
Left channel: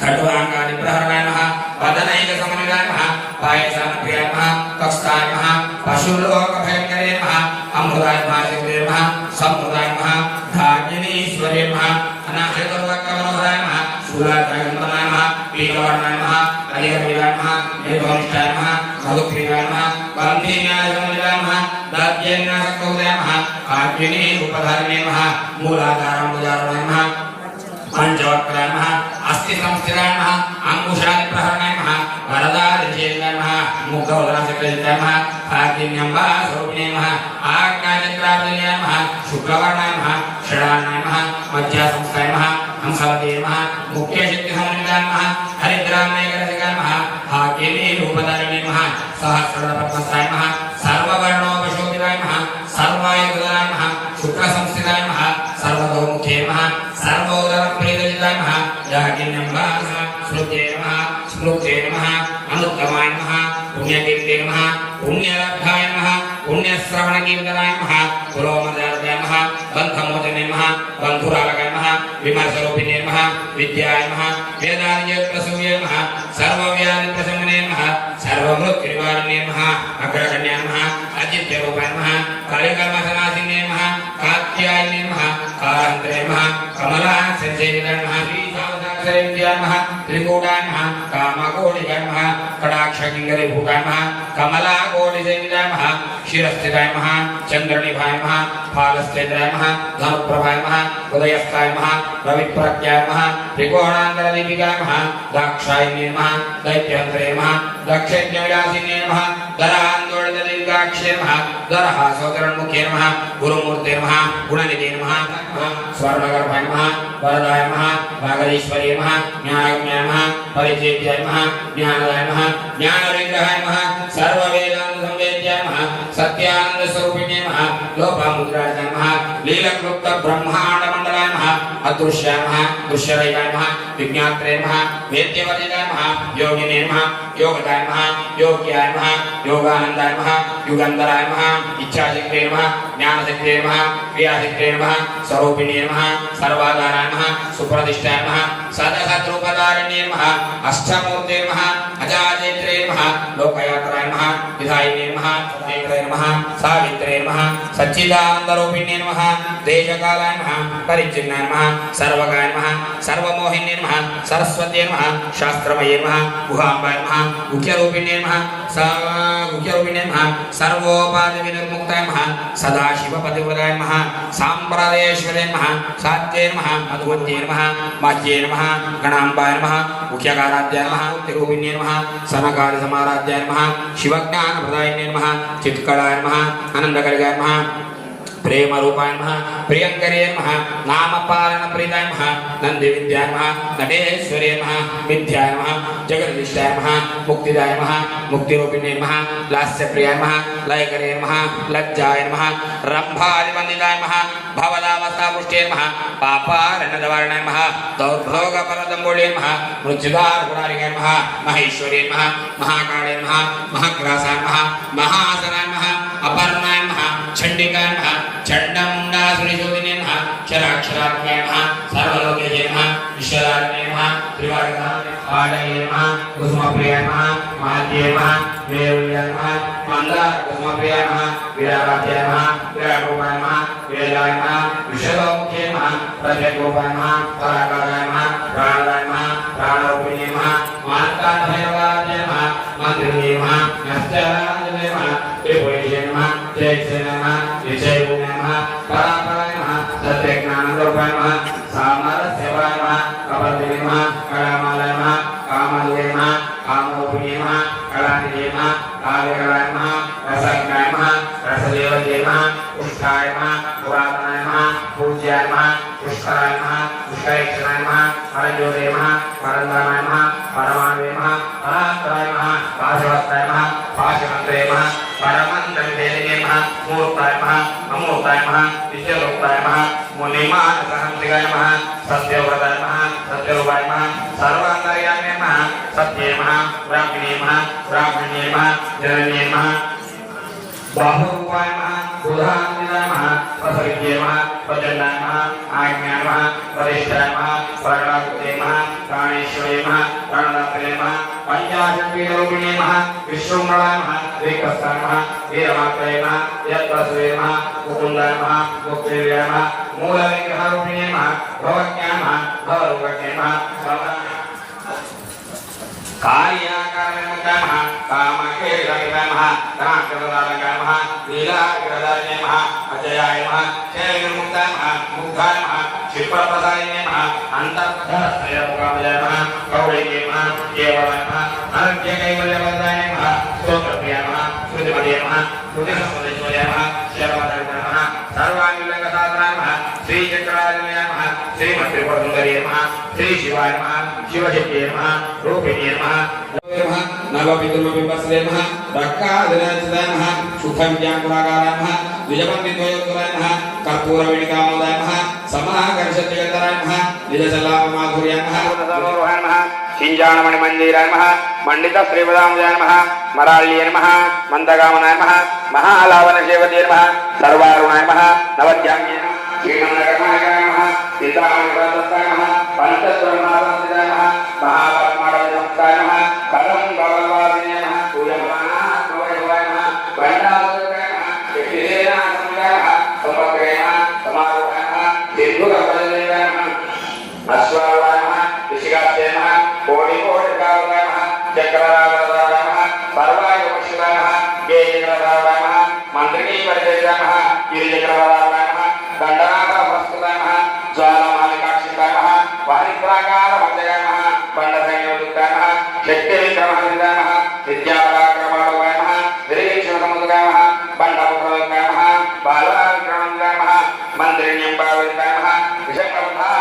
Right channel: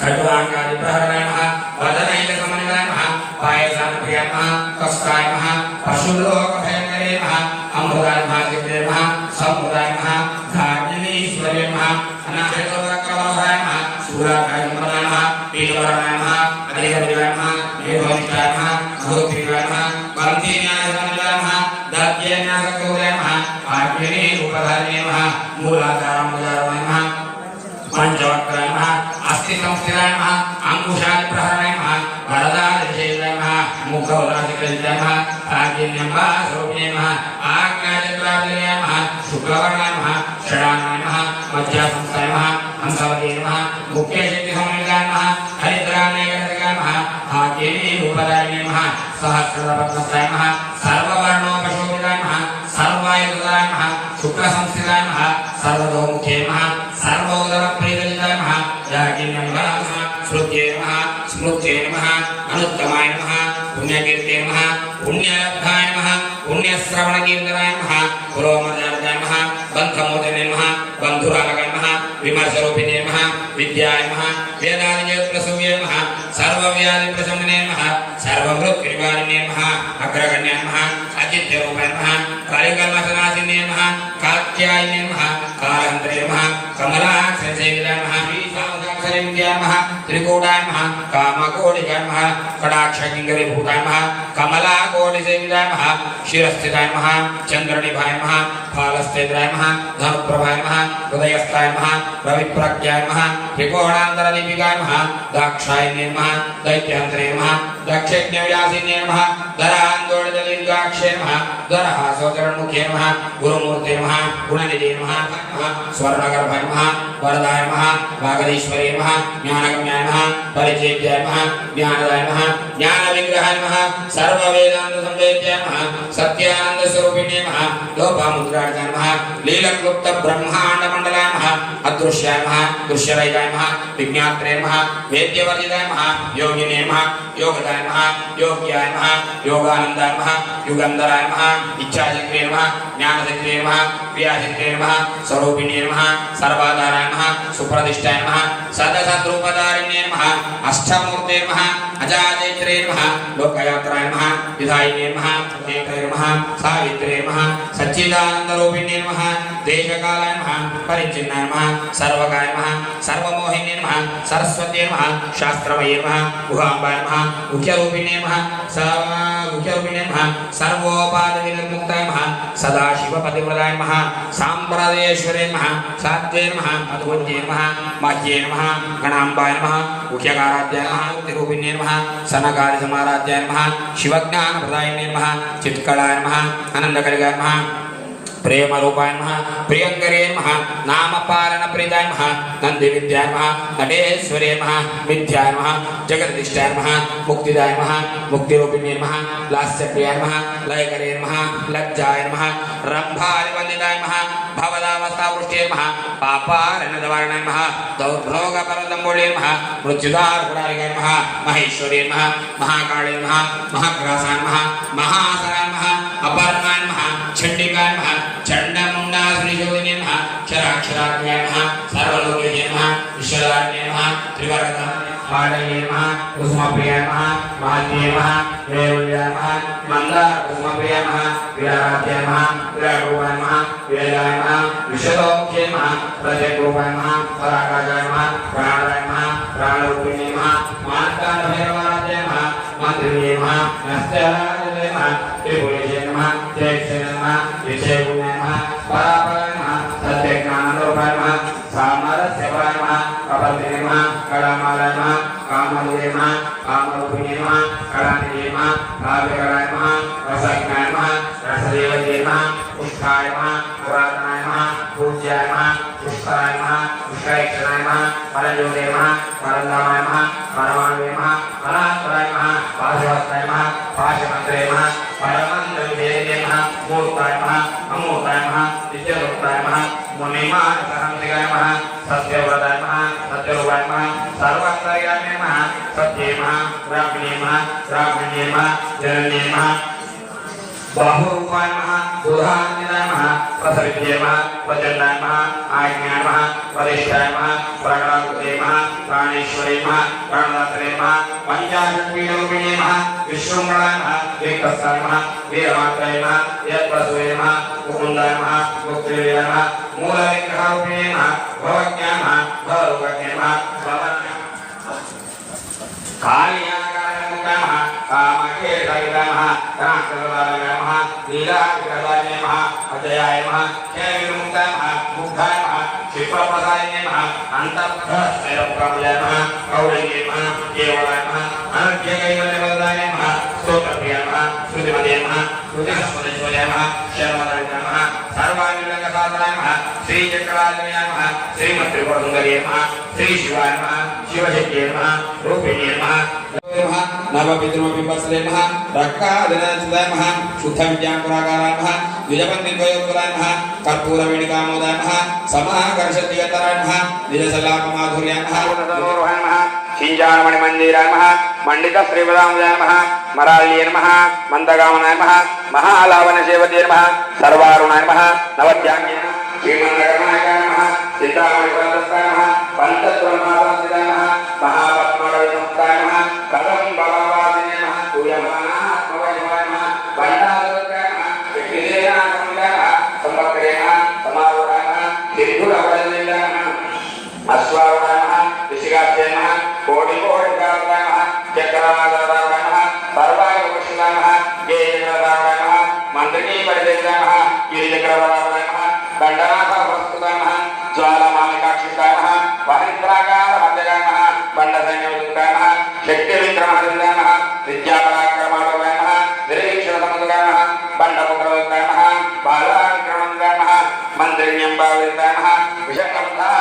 खड्वाङ्गादिप्रहराय नमः वदनैकसमन्विताय नमः पायसाप्रियाय नमः कष्टाय नमः पशुलोकभयङ्करे नमः अमृताय नमः सिद्धे नमः सम्पदाय नमः धार्मिणीश्वरे नमः अनाहृतवक्कवरोधाय नमः शूलाकाय नमः पीतवर्णाय नमः अधिगमिलाय नमः मेघवनिष्ठाय नमः मरुत्प्रियाय नमः गन्धीन्यासमन्विताय नमः दात्यन्यासकौलाय नमः आग्नेयरूपधारिणे नमः मूलाधारमुदारणाय नमः पंचवक्त्राय नमः अस्ति संस्थिताय नमः अंकुशादिप्रहरणाय नमः वरदादिशेषाय नमः मुखोल्लासकृताय नमः आग्नेयम्बास्वरूपिणे नमः आज्ञाचक्राब्दिने नमः शुक्रवर्णाय नमः षडानाय नमः मध्यासंस्थाय नमः हंसवते नमः मुख्यशक्तिसमन्विताय नमः हरिद्रान्यगणसिकाय नमः आग्नेयरूपधारिणे नमः सहस्रपद्मस्थाय नमः सर्ववर्णोपशोभिताय नमः सर्वायुधाय नमः शुक्रसंस्थिताय नमः सर्वतोमुखे नमः सर्वोदरप्रीतिताय नमः याज्ञन्यम्बाय नमः स्मृत्ये नमः स्मृत्ये नमः अनुत्तमाय नमः पुण्यकीर्ते नमः पुण्यलब्धाय नमः पुण्यश्रवणकीर्तनाय नमः पुरोमदार्गाय नमः बन्धमोचने नमः बन्धुरालकाय नमः विमर्शरूपिणे नमः विद्याय नमः वेदादिप्रसूये नमः सर्वव्याधिप्रशमने नमः सर्वमृत्युनिवारिणे नमः अग्रगण्याय नमः अचित्यरूपाय नमः कालिकल्मषनाशिने नमः कात्यायिने नमः कालान्तरे नमः कमलाक्षसेविताय नमः श्रीसावधाक्षरेन्द्याय नमः त्रिकूटाय नमः कामकोटिकाय नमः कटाक्षकिङ्करीभूताय नमः कमलाकोटिसेविताय नमः शिरस्थिताय नमः चन्द्रनिभाय नमः फालस्तेन्द्राय नमः धनुप्रभाय नमः हृदयस्थाय नमः रविप्रज्ञाय नमः त्रिकोणान्तरदीपिकाय नमः दाक्षायिने नमः दैत्यहन्त्रे नमः दक्षयज्ञविलासिने नमः दरान्दोलितदीर्घाक्षे नमः दरहासोचरणमुखे नमः गुरुमूर्ते नमः गुणनिधे नमः स्वर्णगर्भाय नमः वरदाय नमः वागधीश्वरे नमः ज्ञानगम्याय नमः परिचेत्याय नमः ज्ञानदाय नमः ज्ञानविग्रहाय नमः सर्ववेदान्तसंवेद्याय नमः सत्यानन्दस्वरूपिणे नमः लोपामुद्राय नमः लीलक्लुप्तब्रह्माण्डमण्डलाय नमः अदृश्याय नमः दृश्यरहिताय नमः विज्ञात्रे नमः वेद्यवर्जिताय नमः योगिने नमः योगदाय नमः योग्याय नमः योगानन्दाय नमः युगन्धराय नमः इच्छाशक्तिये नमः ज्ञानशक्तिये नमः क्रियाशक्तिये नमः स्वरूपिणे नमः सर्वाधाराय नमः सुप्रतिष्ठाय नमः सदसद्रूपधारिण्ये नमः अष्टमूर्ते नमः अजाजेत्रे नमः लोकयात्राय नमः विधायिने नमः नेत्रे नमः सावित्रे नमः सच्चिदानन्दरूपिणे नमः देशकालाय नमः परिच्छिन्नाय नमः सर्वगाय नमः सर्वमोहिने नमः सरस्वत्यै नमः शास्त्रमये नमः गुहाम्बाय नमः मुख्यरूपिणे नमः मुख्यरूपिणे नमः सर्वोपाधिविनिर्मुक्ताय नमः सदाशिवपतिव्रताय नमः साम्प्रदायेश्वरे नमः सात्ये नमः मधुवन्त्ये नमः माध्ये नमः गणाम्बाय नमः मुख्यकाराध्याय नमः तिरूपिणे नमः सनकादिसमाराध्याय नमः शिवज्ञानप्रदायिने नमः चित्कलाय नमः आनन्दकरिकाय नमः प्रेमरूपाय नमः प्रियङ्करे नमः नामपालनप्रीताय नमः नन्दिविद्याय नमः नटेश्वरे नमः विद्याय नमः जगदीष्टाय नमः मुक्तिदाय नमः मुक्तिरूपिणे नमः लास्यप्रियाय नमः लयकरे नमः लज्जाय नमः रम्भादिवन्दिताय नमः भवदावस्थापुष्टे नमः पापारणदवारणाय नमः दौर्भोगपरदम्बोळे नमः मृत्युदारपुरारिकाय नमः महेश्वरे नमः महाकाळे नमः महाग्रासाय नमः महासनाय नमः अपर्णाय नमः चण्डिकाय नमः चण्डमुण्डासुरशोधिने नमः क्षराक्षरात्मकाय नमः सर्वलोकेशे नमः विश्वदारिणे नमः त्रिवर्गतः पाणये नमः कुसुमप्रियाय नमः माल्ये नमः वेल्याय नमः मन्दारकुसुमप्रियाय नमः वीराराध्याय नमः वीरारूपाय नमः वेलाय नमः विश्वलोके नमः प्रत्यग्रूपाय नमः पराकाशाय नमः प्राणदाय नमः प्राणरूपिणे नमः मानकान्धभैरवाराध्याय नमः मन्त्रिणे नमः नश्चराय नमः त्रिपुरेशे नमः जयसे नमः विजयगुणे नमः परापराय नमः सत्यज्ञानरूपाय नमः सामरस्यपराय नमः कपल्ये नमः कलामालाय नमः कामधुवे नमः कामरूपिणे नमः कलानिधे नमः काव्यकलाय नमः रसज्ञाय नमः रसदेवते नमः पुष्टाय नमः पुरातनाय नमः वत्सलाय नमः पुष्करेक्षणाय नमः परज्योते नमः परन्दामाय नमः परमाणवे नमः परात्पराय नमः पाशवस्ताय नमः पाशमन्त्रे नमः परमन्त्रविधेये नमः मूर्ताय नमः अमूर्ताय नमः विद्यारूपाय नमः मुनिमानसहंसिकाय नमः सत्यव्रताय नमः सत्यरूपाय नमः सर्वान्तर्याय नमः सत्ये नमः ब्राह्मणे नमः ब्राह्मण्ये नमः जनन्ये नमः बाहुरूपाय नमः बुधान्विताय नमः प्रसविद्ये नमः प्रचलाय नमः आज्ञाय नमः वरिष्ठाय नमः वरणाकृते नमः प्राणेश्वरे नमः प्राणदात्रे नमः पंचाशक्तिरूपिणे नमः विश्वमंगलाय नमः विकस्ताय नमः वीरमात्रे नमः यत्प्रसूये नमः मुकुन्दाय नमः मुक्तिवे नमः मूलविग्रहरूपिणे नमः भवज्ञाय नमः भवरोगज्ञाय नमः कार्याकार्यमुक्ताय नमः कामकेशविदाय नमः कांकरदाय नमः लीलाविदाय नमः अजयाय नमः क्षेमविमुक्ताय नमः मुक्ताय नमः क्षिप्रप्रदाय नमः अन्तःप्रस्थेयमुकामयाय नमः गौरीये नमः केवलाय नमः अनर्घ्यकैवल्यवरदाय नमः स्तोत्रप्रियाय नमः श्रुतिमते नमः श्रुतिसंस्पदेश्वर्याय नमः शर्मदाय नमः सर्वाङ्गसाधनाय नमः श्रीचक्राजनाय नमः श्रीमत्त्रिपुरसुन्दर्ये नमः श्रीशिवाय नमः शिवशक्तिये नमः रूपिणे नमः नवपितृमपिम्बस्ले नमः रक्कादिनाचिताय नमः शुद्धं व्याकुलाकाराय नमः द्विजपन्निद्वयोत्तराय नमः कर्पूरवेणिकामोदाय नमः समाकर्षद्विगतराय नमः निजशलापमाधुर्याय नमः सरोरुहाय नमः किञ्जानमणिमञ्जीराय नमः मण्डितश्रीपदाम्बुजाय नमः मराळ्ये नमः मन्दगामनाय नमः महालावनसेवते नमः सर्वारुणाय नमः नवद्याङ्गे नमः श्रीमन्नगरनायकाय नमः सीतामणिपदस्थाय नमः पञ्चब्रह्मावन्दिताय नमः महापद्मवैसंस्थाय नमः कथं भगवादिने नमः पूयमानाः भगवाय नमः वण्डालोकाय नमः यज्ञसेनासंज्ञाय नमः संवत्सरे नमः समारोहाय नमः सिन्धुरवदने नमः अश्वारूढाय नमः ऋषिकास्ये नमः कोटिकोटिकारुणाय नमः चक्रावताराय नमः सर्वायुपश्रुताय नमः गेयेन्द्रराय नमः मन्त्रिकीकरदेशाय नमः गिरिचक्रवराय नमः दण्डनाथवस्तुताय नमः ज्वालमालिकाक्षिताय नमः वाहित्राकारमध्यगाय नमः दण्डसंयोजुताय नमः शक्तिविक्रमहृदाय नमः विद्यापराक्रमाटवाय नमः निरीक्षणसमुदाय नमः बण्डपुत्रयोगाय नमः बालाविक्रमणाय नमः मन्त्रिण्यम्बाविदाय नमः विषकर्णाः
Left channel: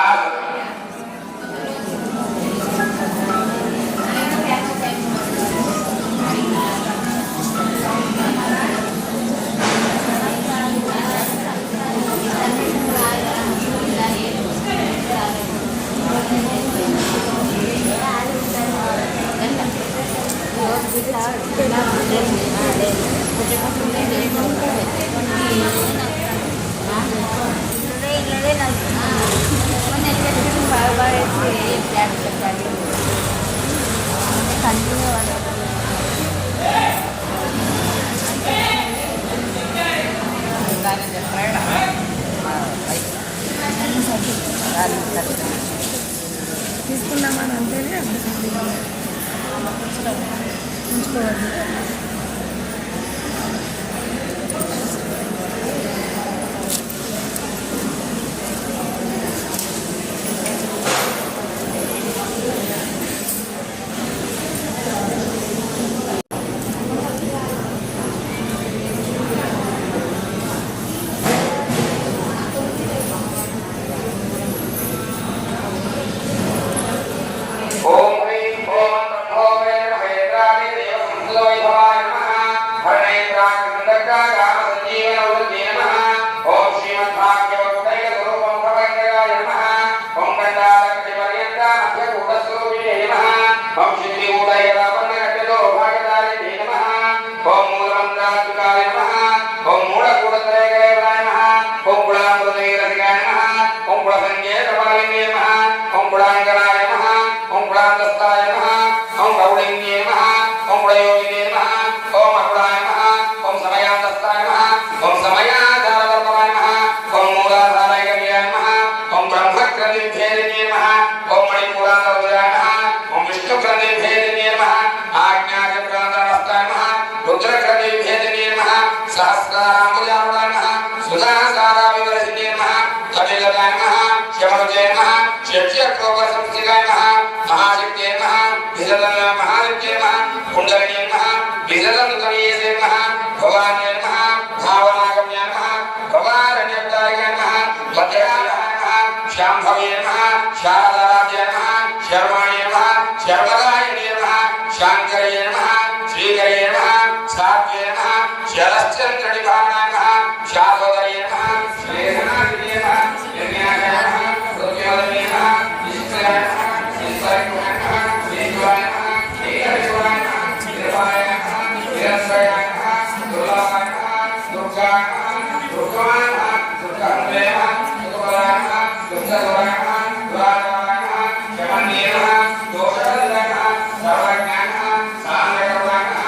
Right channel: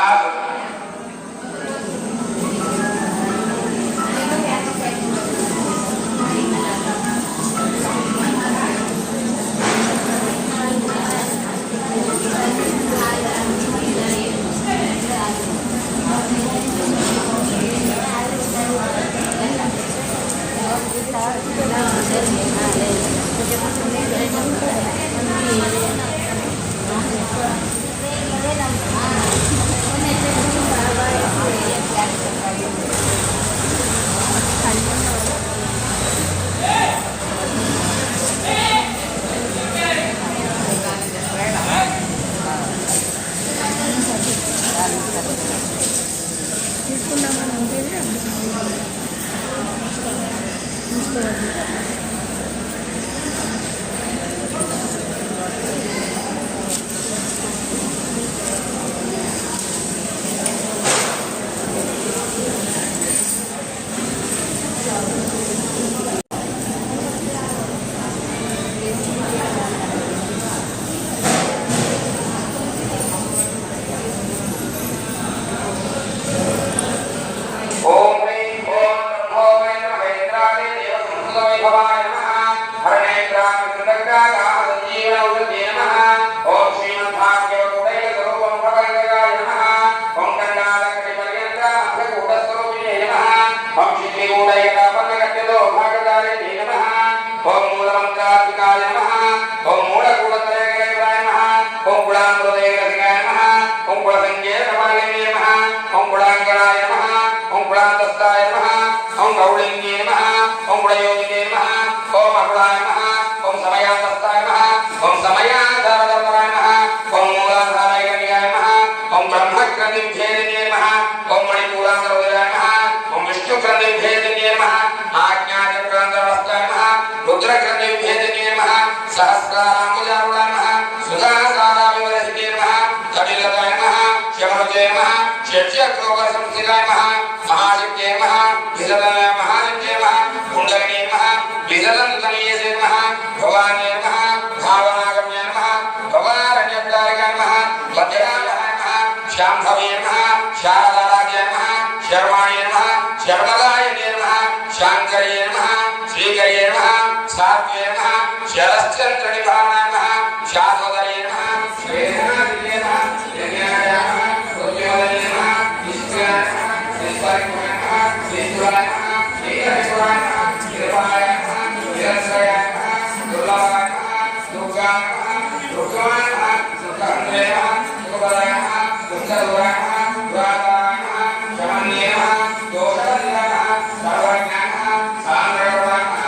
श्याम शाम्भवे नमः शारदाराध्याय नमः शर्वाणे नमः शर्वदायने नमः शाङ्करे नमः श्रीकरे नमः सात्वे नमः शरश्चन्द्रनिधानाय नमः शारदये नमः श्रीनाथये नमः यज्ञाय नमः रोग्योदये नमः ईश्वराय नमः ईश्वराय नमः श्रीज्वाय नमः श्रीहरिवाय नमः कृपाय नमः हिरण्यय नमः दुर्गाय नमः दुर्गाय नमः दुर्गाय नमः दुर्गाय नमः दुर्गाय नमः दुर्गाय नमः दुर्गाय नमः शमन्ये नमः दोषहन्ये नमः सर्वज्ञाय नमः सान्द्रयोगाय नमः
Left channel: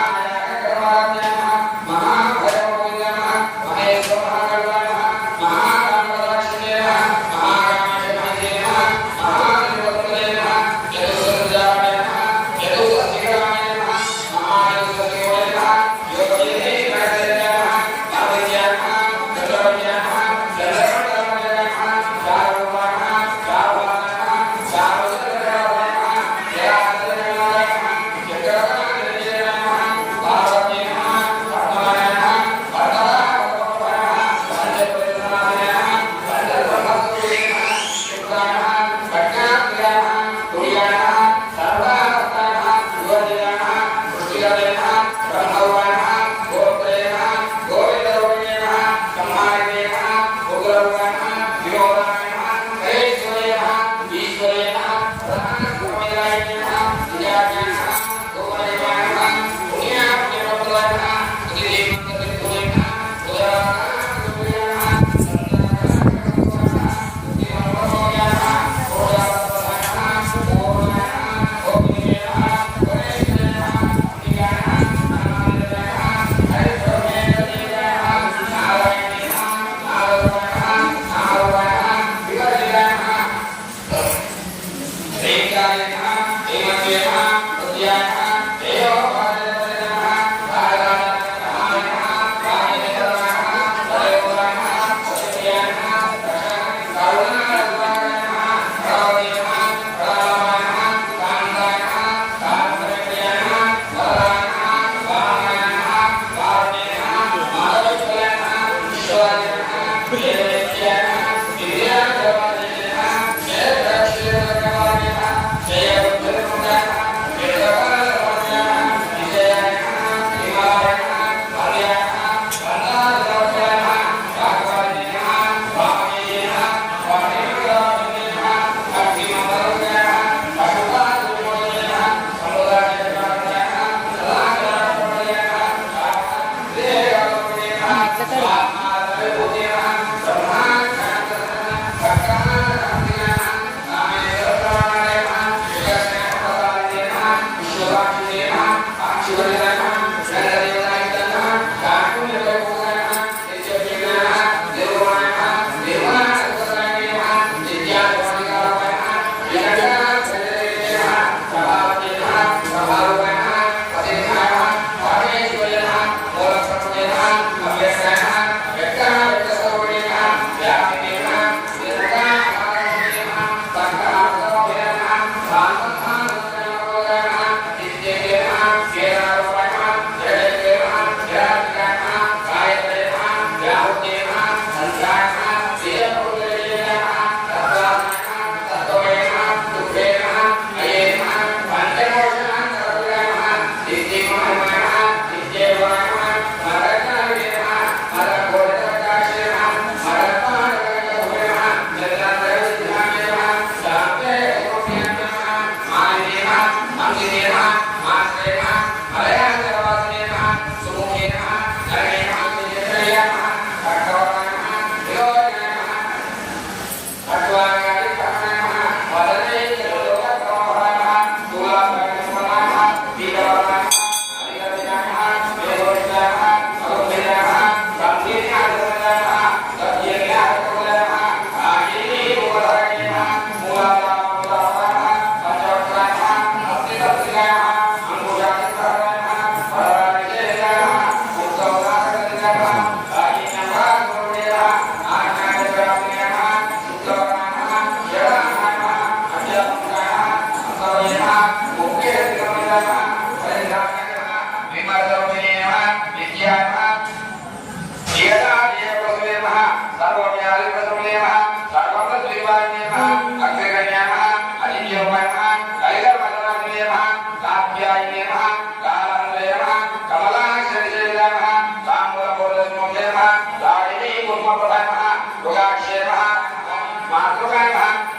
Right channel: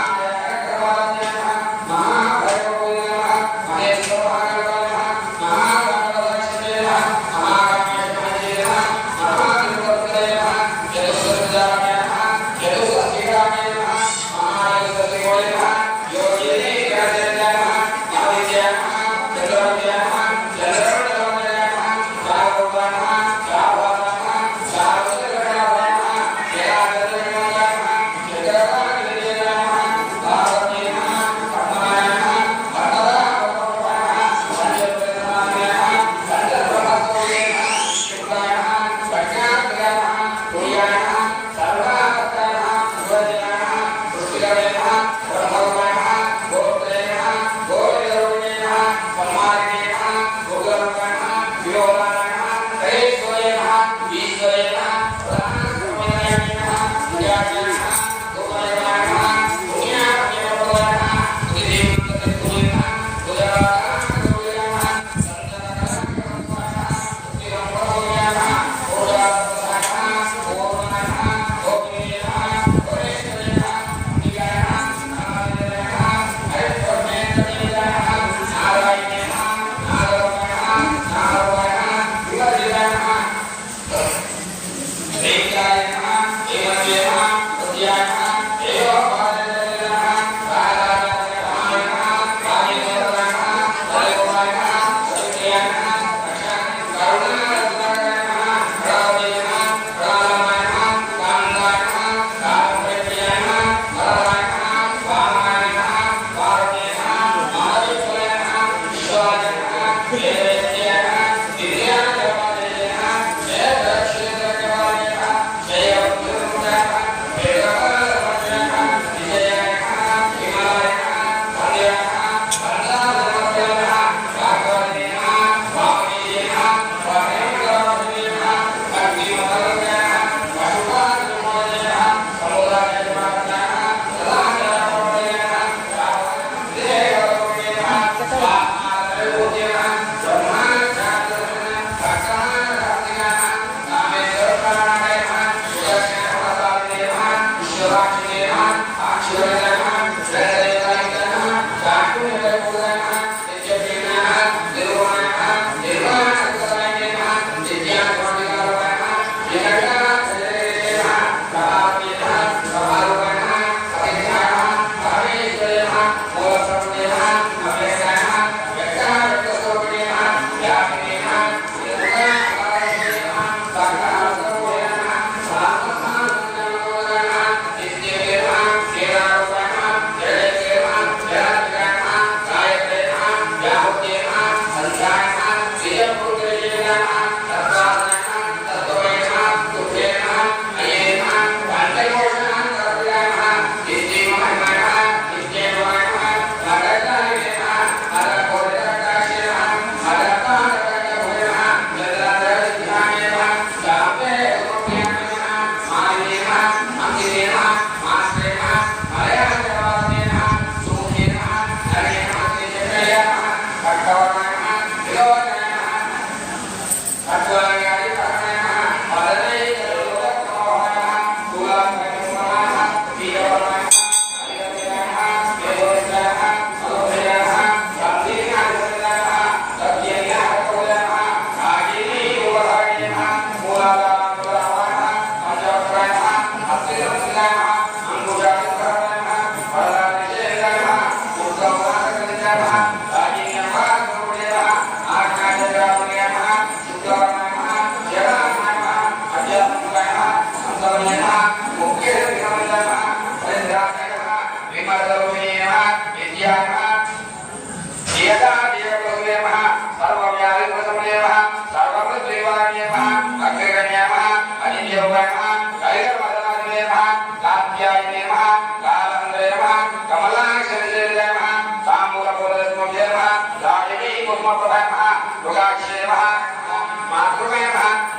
अकरवाद्याय नमः महाभैरवाय नमः महेश्वराय नमः महागणपतये नमः महागणपतये नमः महागणपतये नमः यदुसंजाय नमः यदुसंजाय नमः महागणपतये नमः योगिने गणपतये नमः नवये नमः जलवये नमः जलवये नमः सारवये नमः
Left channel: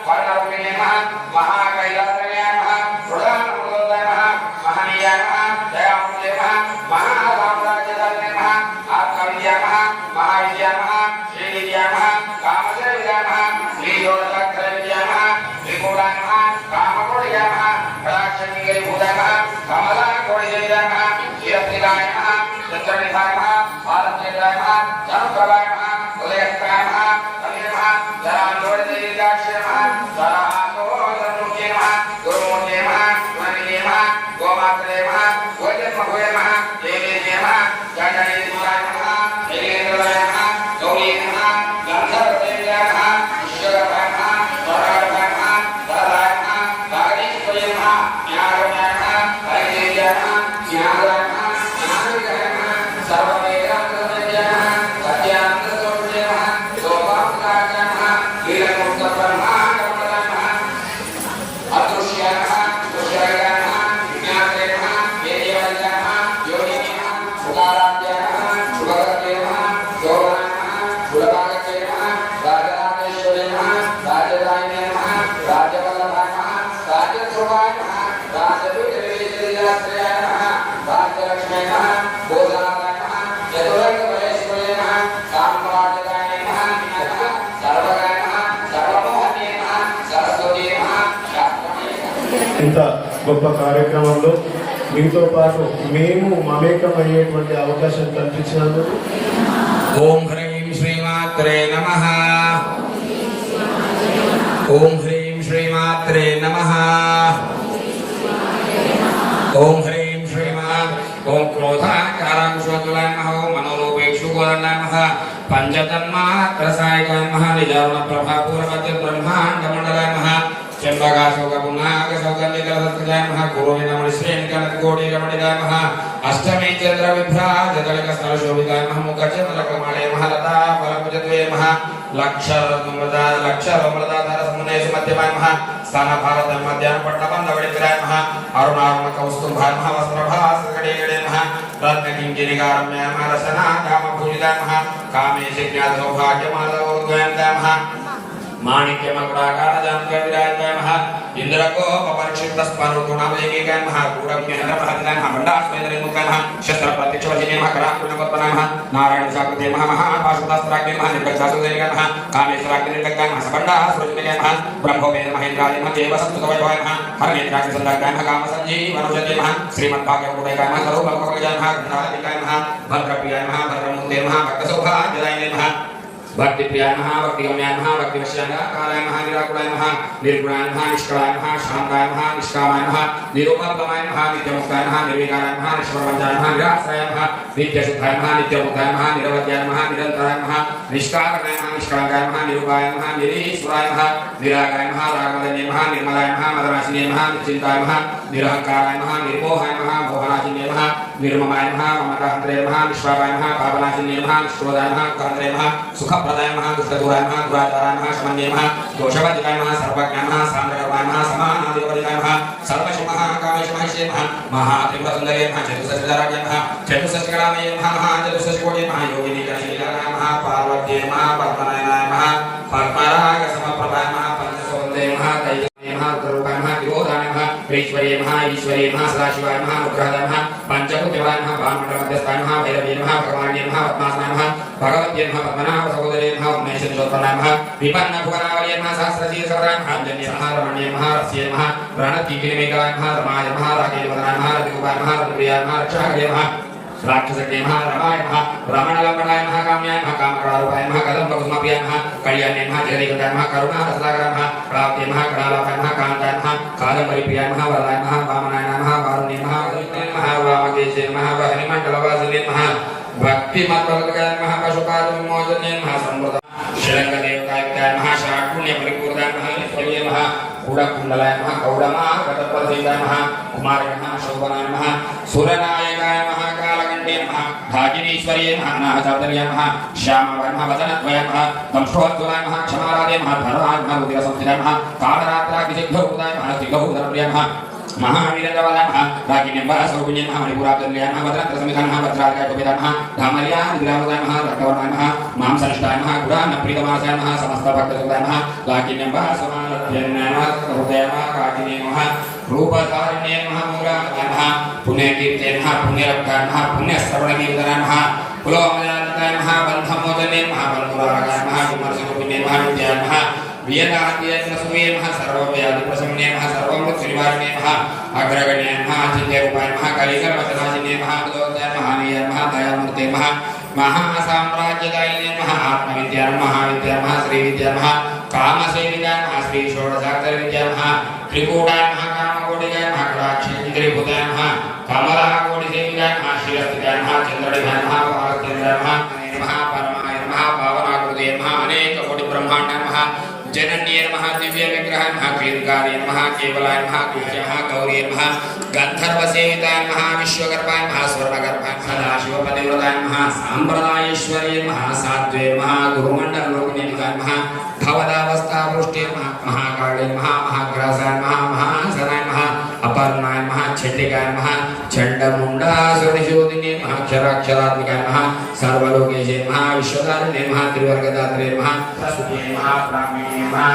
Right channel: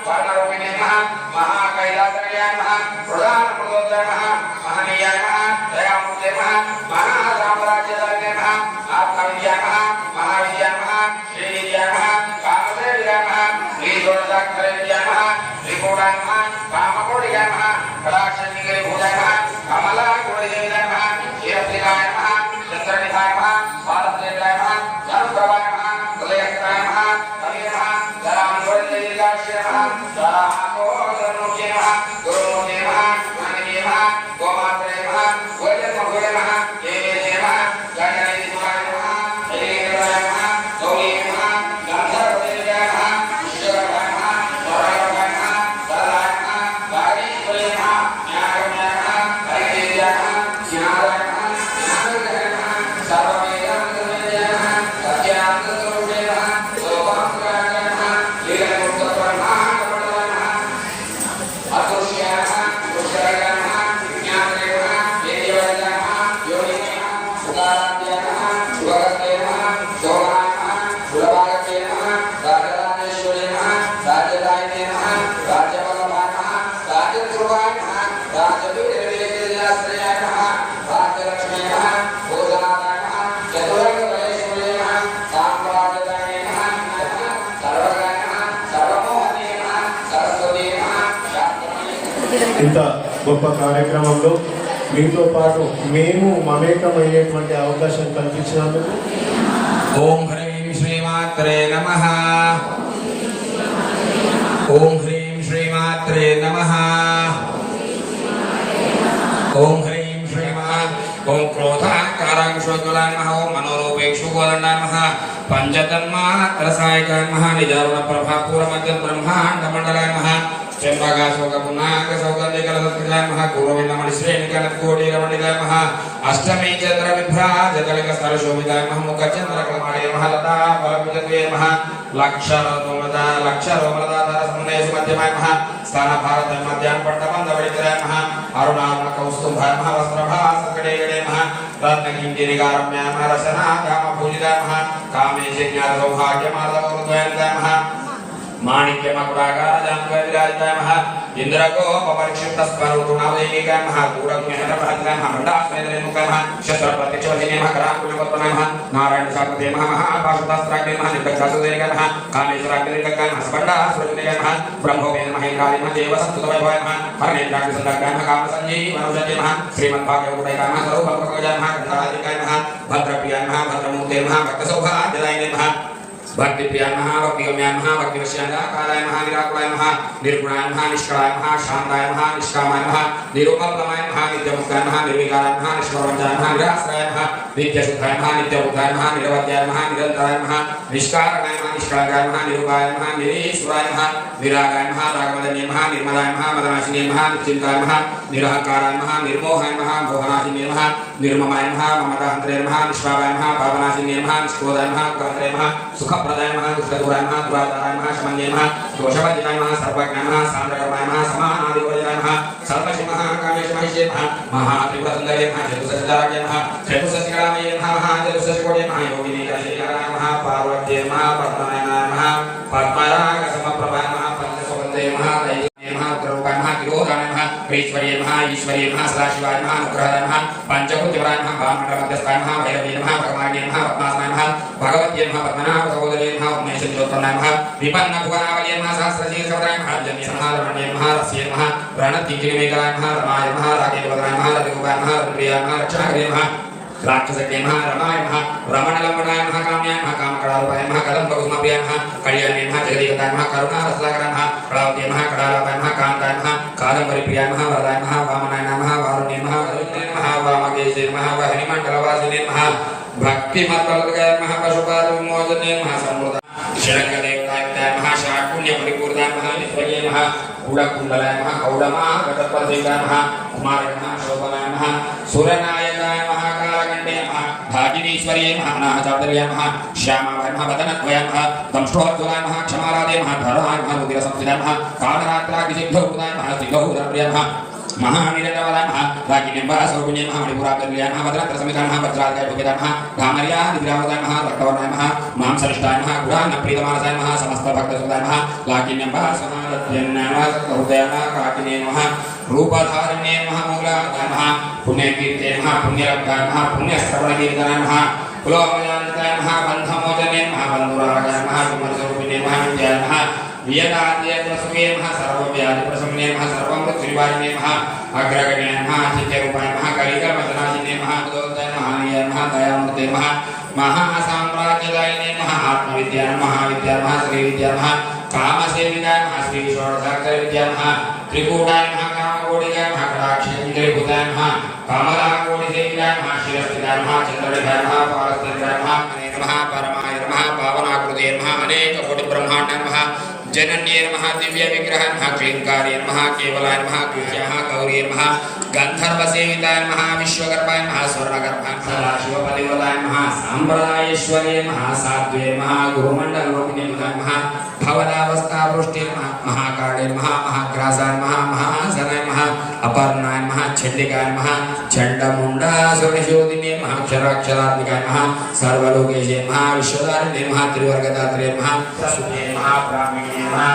वायुरूपिणे नमः महाकैलासयाय नमः प्रधानमूर्तये नमः महनीयाय नमः दयामूर्तये नमः महासाम्राज्यधारिणे नमः आत्मविद्याय नमः महाविद्याय नमः श्रीविद्याय नमः कामदेव्याय नमः श्रीजोड़साक्षरविद्याय नमः त्रिपुराय नमः कामकोटियाय नमः प्राक्षणिकरिभूताय नमः कमलाकोटिदेवाय नमः शीरप्रियाय नमः चन्द्रनिधाय नमः भारतीयाय नमः धनुप्रभाय नमः उदयस्ताय नमः कविये नमः जरामूर्तिर्गाश्रय नमः जरामूर्तिर्मूर्तये नमः गुरुमूर्तये नमः गुणनिधये नमः गोमात्रे नमः गोजन्मभूये नमः देवीये नमः गणनिधिकाय नमः देवीन्द्राय नमः गौरी नमः गन्धर्वदेव्याय नमः ईश्वराय नमः परमात्माय नमः वरदाय नमः वागीश्वर्ये नमः ज्ञानमयाय नमः वैदेव्याय नमः ज्ञानाय नमः ज्ञानविद्याय नमः सर्ववेदान्तवेद्याय नमः सत्यानन्दस्वरूपाय नमः लोकामुद्राय नमः लीलामुक्तब्रह्माण्डवरदाय नमः अदृश्याय नमः दृश्याय नमः विज्ञानाय नमः वेद्याय नमः योनिने नमः उदाराध्याय नमः शुभगते नमः शोभनाय नमः सुलभागते नमः राजराजेश्वरे नमः राजदायिने नमः राजवल्लभाय नमः राजध्रुवाय नमः राजवीरवीरश्रेयाय नमः राजलक्ष्म्यै नमः भोजनाय नमः यदुरङ्गबलेश्वरे नमः साम्राज्यदाय नमः सर्वगाय नमः सर्वमोहने नमः सरस्वती नमः ఇంత గొప్ప కార్యక్రమంలో మీతో పాటు మేము మమేకం అయ్యేటువంటి అవకాశం కల్పించినందుకు ఓం హ్రీం శ్రీమాత్రే నమః ఓం హ్రీం శ్రీమాత్రే నమః ఓం హ్రీం శ్రీమాత్ ఓం క్రోధాకారాంశోద్వలాయ నమః ఓం మనోరూపేక్షుగోలాయ నమః పంచతన్మాత్రసాయకాయ నమః నిజారుణ ప్రభాపూరమధ్య బ్రహ్మాండమండలాయ నమః चंबकाशोकपुनाकसौगन्धिकलसत्कृताय नमः गुरुविन्दमणि श्रेणिकनत्कोटिरमणिकाय नमः अष्टमी चन्द्रविभ्राजकलिकस्थलशोभिताय नमः मुखचन्द्रकमले महलता फलभुजत्वे नमः लक्षरत्नमदाधारसमुन्नयसु मध्यमाय नमः स्थानभारतमध्याह्नपट्टमन्दवडितराय नमः अरुणारुणकौस्तुभाय नमः वस्त्रभासकडेगणे नमः रत्नकिञ्जनिकारम्याय नमः रसनाकामभूलिकाय नमः कामेशज्ञातसौभाग्यमालवोरुद्वयन्ताय नमः माणिक्यमकुटाकारजान्कविराजाय नमः इन्द्रकोपपरिक्षिप्तस्परुणादेवीकाय नमः पूरज्ञानप्रतिकाय नमः मण्डास्मेन्द्रेन्दुकाय नमः क्षत्रप्रत्यक्षवधिने नमः कराकुलिवर्तनाय नमः नारायणसाकुते नमः महापाशुदास्त्राग्ने नमः निर्भयसासुदेवाय नमः कामेश्वराग्निकाय नमः स्पण्डासुरजनेय नमः ब्रह्मवे नमः इन्द्रादिमः देवसंस्तुतवैभवाय नमः हरनेत्राग्निसुदाय नमः कामसञ्जीवनुजने नमः श्रीमद्भागवतुदैकाय नमः सर्वब्रह्मकवचाय नमः गणाधिकाय नमः भद्रप्रियाय नमः भद्रमूर्ते नमः भक्तसौभाग्यदायिने नमः भक्ति प्रियाय नमः भक्तिगम्याय नमः भक्तिवश्याय नमः निराकुलाय नमः निर्गुणाय नमः निष्कलाय नमः शान्ताय नमः निष्कामाय नमः निरुपमय नमः नित्यमुक्ताय नमः निर्विकाराय नमः निष्प्रपञ्चाय नमः निराश्रयाय नमः नित्यशुद्धाय नमः नित्यमुक्ताय नमः निरवध्याय नमः निरन्तराय नमः निष्कारकाय नमः निष्कलाय नमः निरूपाय नमः निरीश्वराय नमः निरागाय नमः रागमदन्ये नमः निर्मलाय नमः मदनाशिने नमः निश्चिन्ताय नमः निरहङ्काराय नमः निर्मोहाय नमः मोहनाशिने नमः निर्ममाय नमः ममताहन्त्रे नमः निष्पावाय नमः पावनाशिने नमः निष्क्रोधाय नमः उग्रहन्त्रे नमः सुखप्रदाय नमः दुष्टदूराय नमः दुराचाराय नमः शमन्ये नमः दोषवज्राय नमः सर्वज्ञाय नमः सान्द्रकर्माय नमः समानादिपरिजाय नमः सर्वशिवः कामेशमहिष्ये नमः महात्रिपुरसुन्दरे नमः चतुर्षष्टिधाराय नमः चतुर्षष्टिकलामये नमः चतुर्षष्टिकोटे नमः योगिनीकशीलकराय नमः पार्वत्ये नमः पद्मनायाय नमः पद्मरागसमप्रभाय नमः पंचसौन्दे नमः दैवते नमः उग्ररूपाय नमः तिरोधाय नमः ईश्वर्ये नमः सदाशिवाय नमः अनुग्रहाय नमः पंचभूतिवाय नमः भानुमण्डलमध्यस्थाय नमः भैरवे नमः भगवान्ये नमः पद्मासनाय नमः भगवत्ये नमः पद्मनाभ सहोदरे नमः उमेशज्योत्पन्नाय नमः विपन्नभुवनावल्ये नमः सहस्रशीर्षवराय नमः जन्ये नमः रमण्ये नमः रस्ये नमः प्रणतिकिरीमेकराय नमः रमाय नमः राजेन्द्रवदनाय नमः रतिगोपाय नमः रतिप्रियाय नमः रक्षाकरे नमः राक्षसज्ञे नमः रमाय नमः रमणलम्बनाय नमः काम्याय नमः कामकलारूपाय नमः कदम्बकुसुमप्रियाय नमः कल्याण्ये नमः जगदीकताय नमः करुणारससागराय नमः कलावत्ये नमः कलालापाय नमः कान्ताय नमः कादम्बरीप्रियाय नमः वरदाय नमः वामनाय नमः वारुण्ये नमः वरुण्ये नमः वामकेशे नमः वहनिमण्डलवासिने नमः भक्तिमत्पलकाय नमः पशुपालविमोचने नमः सम्मृत षडङ्गदेवताय नमः शाकुण्यपरिपूर्णाय नमः निष्फल्ये नमः कूढकुण्डलाय नमः कौडमार्गतत्परदेवाय नमः कुमाराय नमः शोभनाय नमः सुरनायकाय नमः कालकण्डे नमः धाजिनीश्वर्ये नमः नाहचातर्याय नमः श्यामाय नमः वदनद्वयाय नमः दंष्टोज्ज्वलाय नमः क्षमाराधे नमः धराय नमः रुधिरसंस्थिताय नमः कालरात्राग्निसिद्धौदाय नमः त्रिगौदरप्रियाय नमः महावीरंद्रवदय नमः रागिण्यंबा सौगुण्यं नमः मणिपुराकल्याय नमः वदनत्र समितं नमः वज्रालकाय टोपेदाय नमः धामर्या विद्रावदाय नमः रक्तवर्णाय नमः मांसनिष्ठाय नमः गुडान्नप्रीतमानसाय नमः समस्त भक्तसुदाय नमः लाकिन्यंबा समारत्यन्नाय नमः हृदयाय नमः काकिने नमः रूपधारिण्ये नमः मूलाय नमः पुण्यकीर्ते नमः पुण्यरक्ताय नमः पुण्यश्रवणकीर्तनाय नमः कुलोमयानताय नमः बन्धमोचने नमः बन्धुरागाय नमः कुमारस्वरूपिणे नमः विद्याय नमः वियदाद्यस्वे नमः सर्वव्याधिप्रशमने नमः सर्वमृत्युनिवारिणे नमः अग्रगण्ये नमः चित्यरूपाय नमः कलिकवचनादिने नमः दोषाय नमः नियाय नमः दयामूर्ते नमः महासाम्राज्यदायिने नमः आत्मविद्याय नमः विद्याय नमः श्रीविद्याय नमः कामसेविताय नमः श्री षोडशाक्षरविद्याय नमः त्रिकूटाय नमः कामकोटिकाय नमः कटाक्षेन्द्रिभूताय नमः कमलाकोटिसेविताय नमः शिरस्थिताय नमः चन्द्रनिभाय नमः पारस्थिताय नमः परमाय नमः पावनाकृते नमः अनेककोटिब्रह्माण्डाय नमः जनन्ये नमः दिव्य विग्रह नमः क्षीरकार्ये नमः केवलाय नमः कृष्णाय गौरी नमः गंधर्वसेविताय नमः विश्वकर्माय नमः स्वर्णकर्माय नमः सदाशिवपतिव्रताय नमः सांप्रदायेश्वर्ये नमः साध्वे नमः गुरुमण्डलोकनिधिताय नमः भवदावस्थावृष्टे नमः महाकाले नमः महाग्रासाय नमः महासनाय नमः अपर्णाय नमः चण्डिकाय नमः चण्डमुण्डासुरनिशोधिने नमः क्षराक्षरात्मिकाय नमः सर्वलोकेशे नमः विश्वधारिणे नमः त्रिवर्गदात्रे नमः सुखे नमः ब्राह्मणे नमः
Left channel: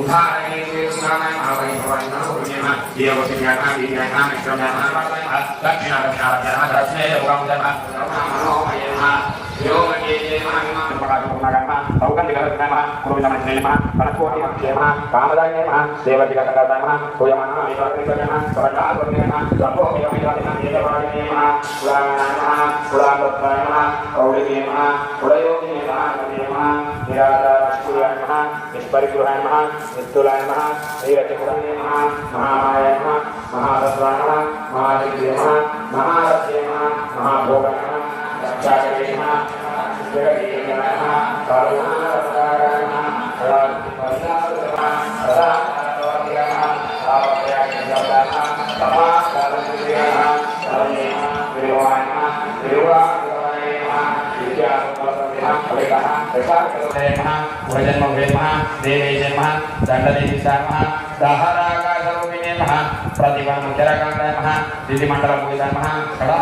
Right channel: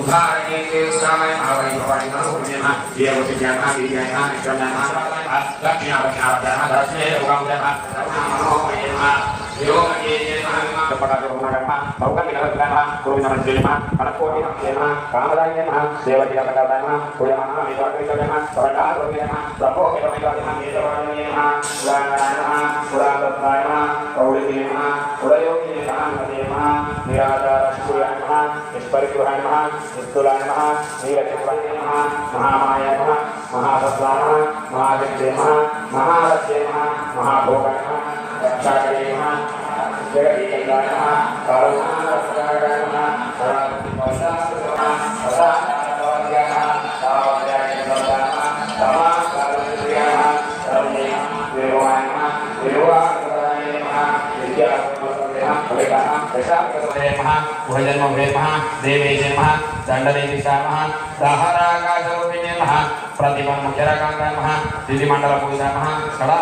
उदाहरणे कृष्णाय नमः वैष्णवाय नमः देववशिन्याय नमः वीर्याय नमः निष्ठुराय नमः दक्षिणापक्षापक्षाय नमः दर्शने योगाय नमः योगेशे नमः प्रपदारोहणाय नमः औगन्धिकवत्याय नमः कुरुविनमस्ते नमः मनस्कोटिमस्ते नमः कामदाय नमः देवजिगतकर्ताय नमः पूयमानः विश्वासविद्याय नमः सहजारोग्याय नमः लम्बोऽपिरमिताय नमः देववादिने नमः पुराणाय नमः पुराणदत्ताय नमः कौलिके नमः उडयोगिने नमः नमः निराधाराय नमः निष्परिग्रहाय नमः निस्तुलाय नमः नीरचन्द्राय नमः महामायाय नमः महातत्त्वाय नमः महाविद्ये नमः महारथ्ये नमः महाभोगाय नमः रक्षाकरे नमः जगदीशाय नमः कारुणावताराय नमः सदाशिवाय नमः सदाशिवाय नमः सावत्र्याय नमः तमाकालप्रियाय नमः सर्वे विरवाय नमः विरवाय नमः विद्यावताराय नमः भजन्मभे नमः देवेशे नमः दण्डनिधिष्ठाय नमः दहराकाशरूपिणे नमः प्रतिपन्मुख्यरकान्ताय नमः दिदिमण्डलपूजिताय नमः षडा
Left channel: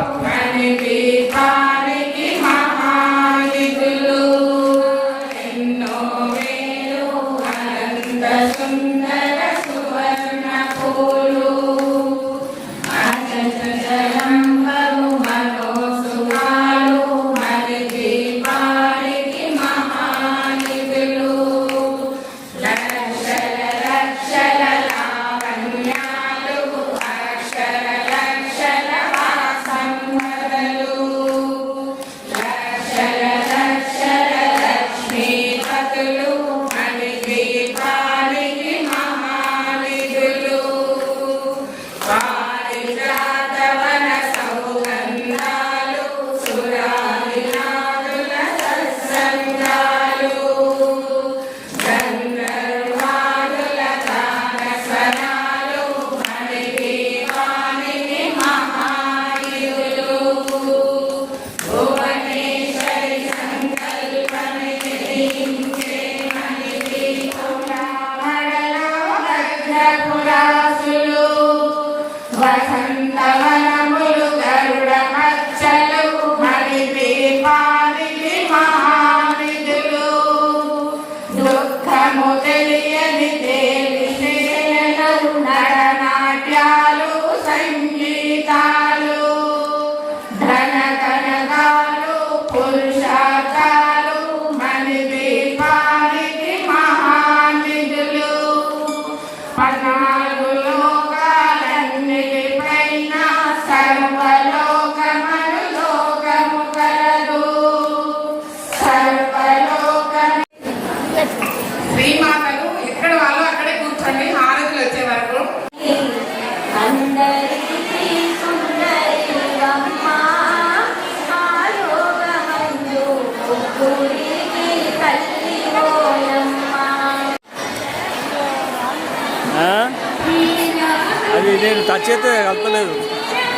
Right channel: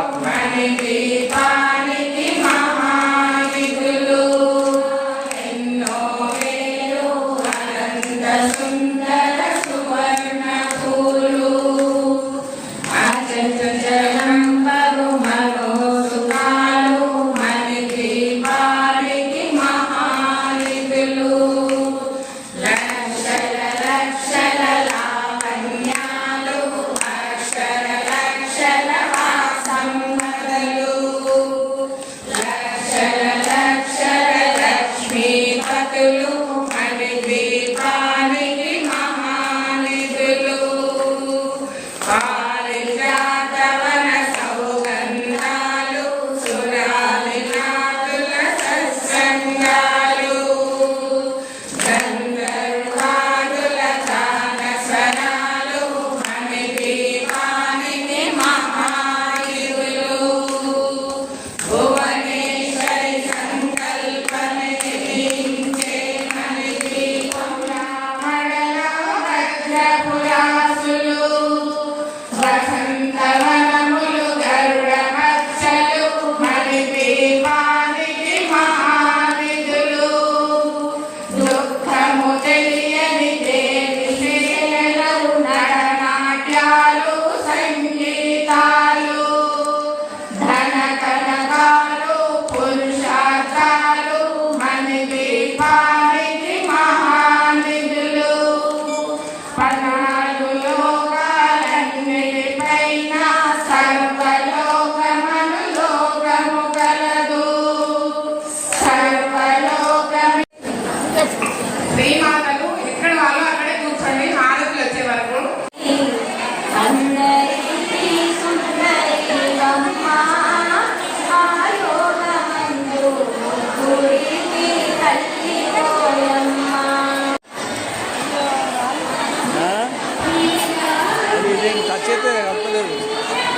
టచ్ అయితే కలపలేదు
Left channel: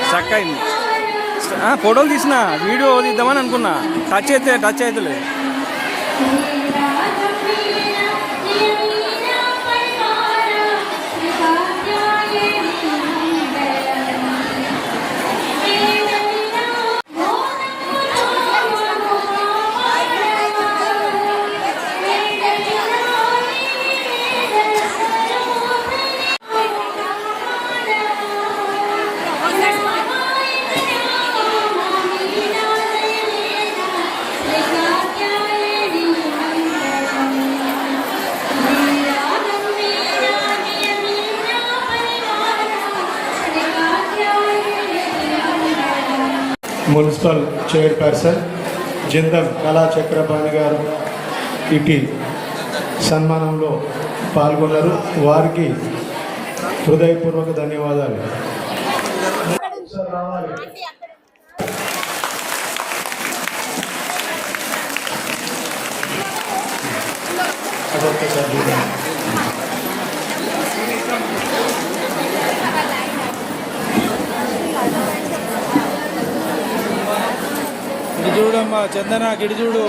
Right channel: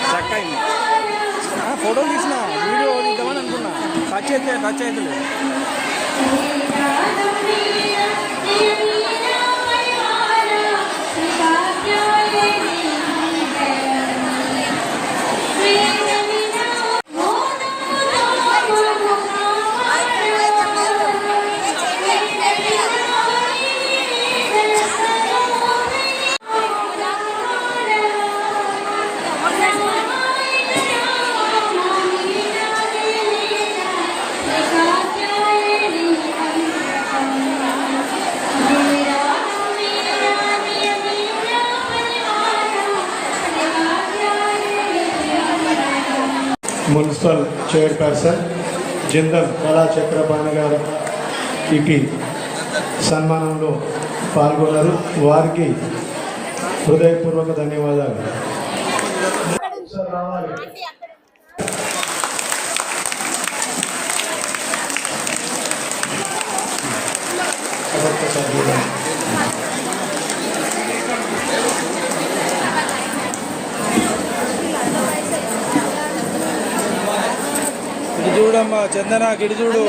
స్ట్రక్ అయింది. ఫోటోలు తీసిన వీడియో తీద్దామని అనుకున్నా, టచ్ అవుతలేదు. మున్సిపల్ చైర్పర్సన్ జిందల్ కళా చక్రపాణి గారు ఇటు సన్మానంలో పాల్గొన్నారు. వారికి హృదయపూర్వక ధన్యవాదాలు. ఇటు చూడమ్మా చందన, ఇటు చూడు.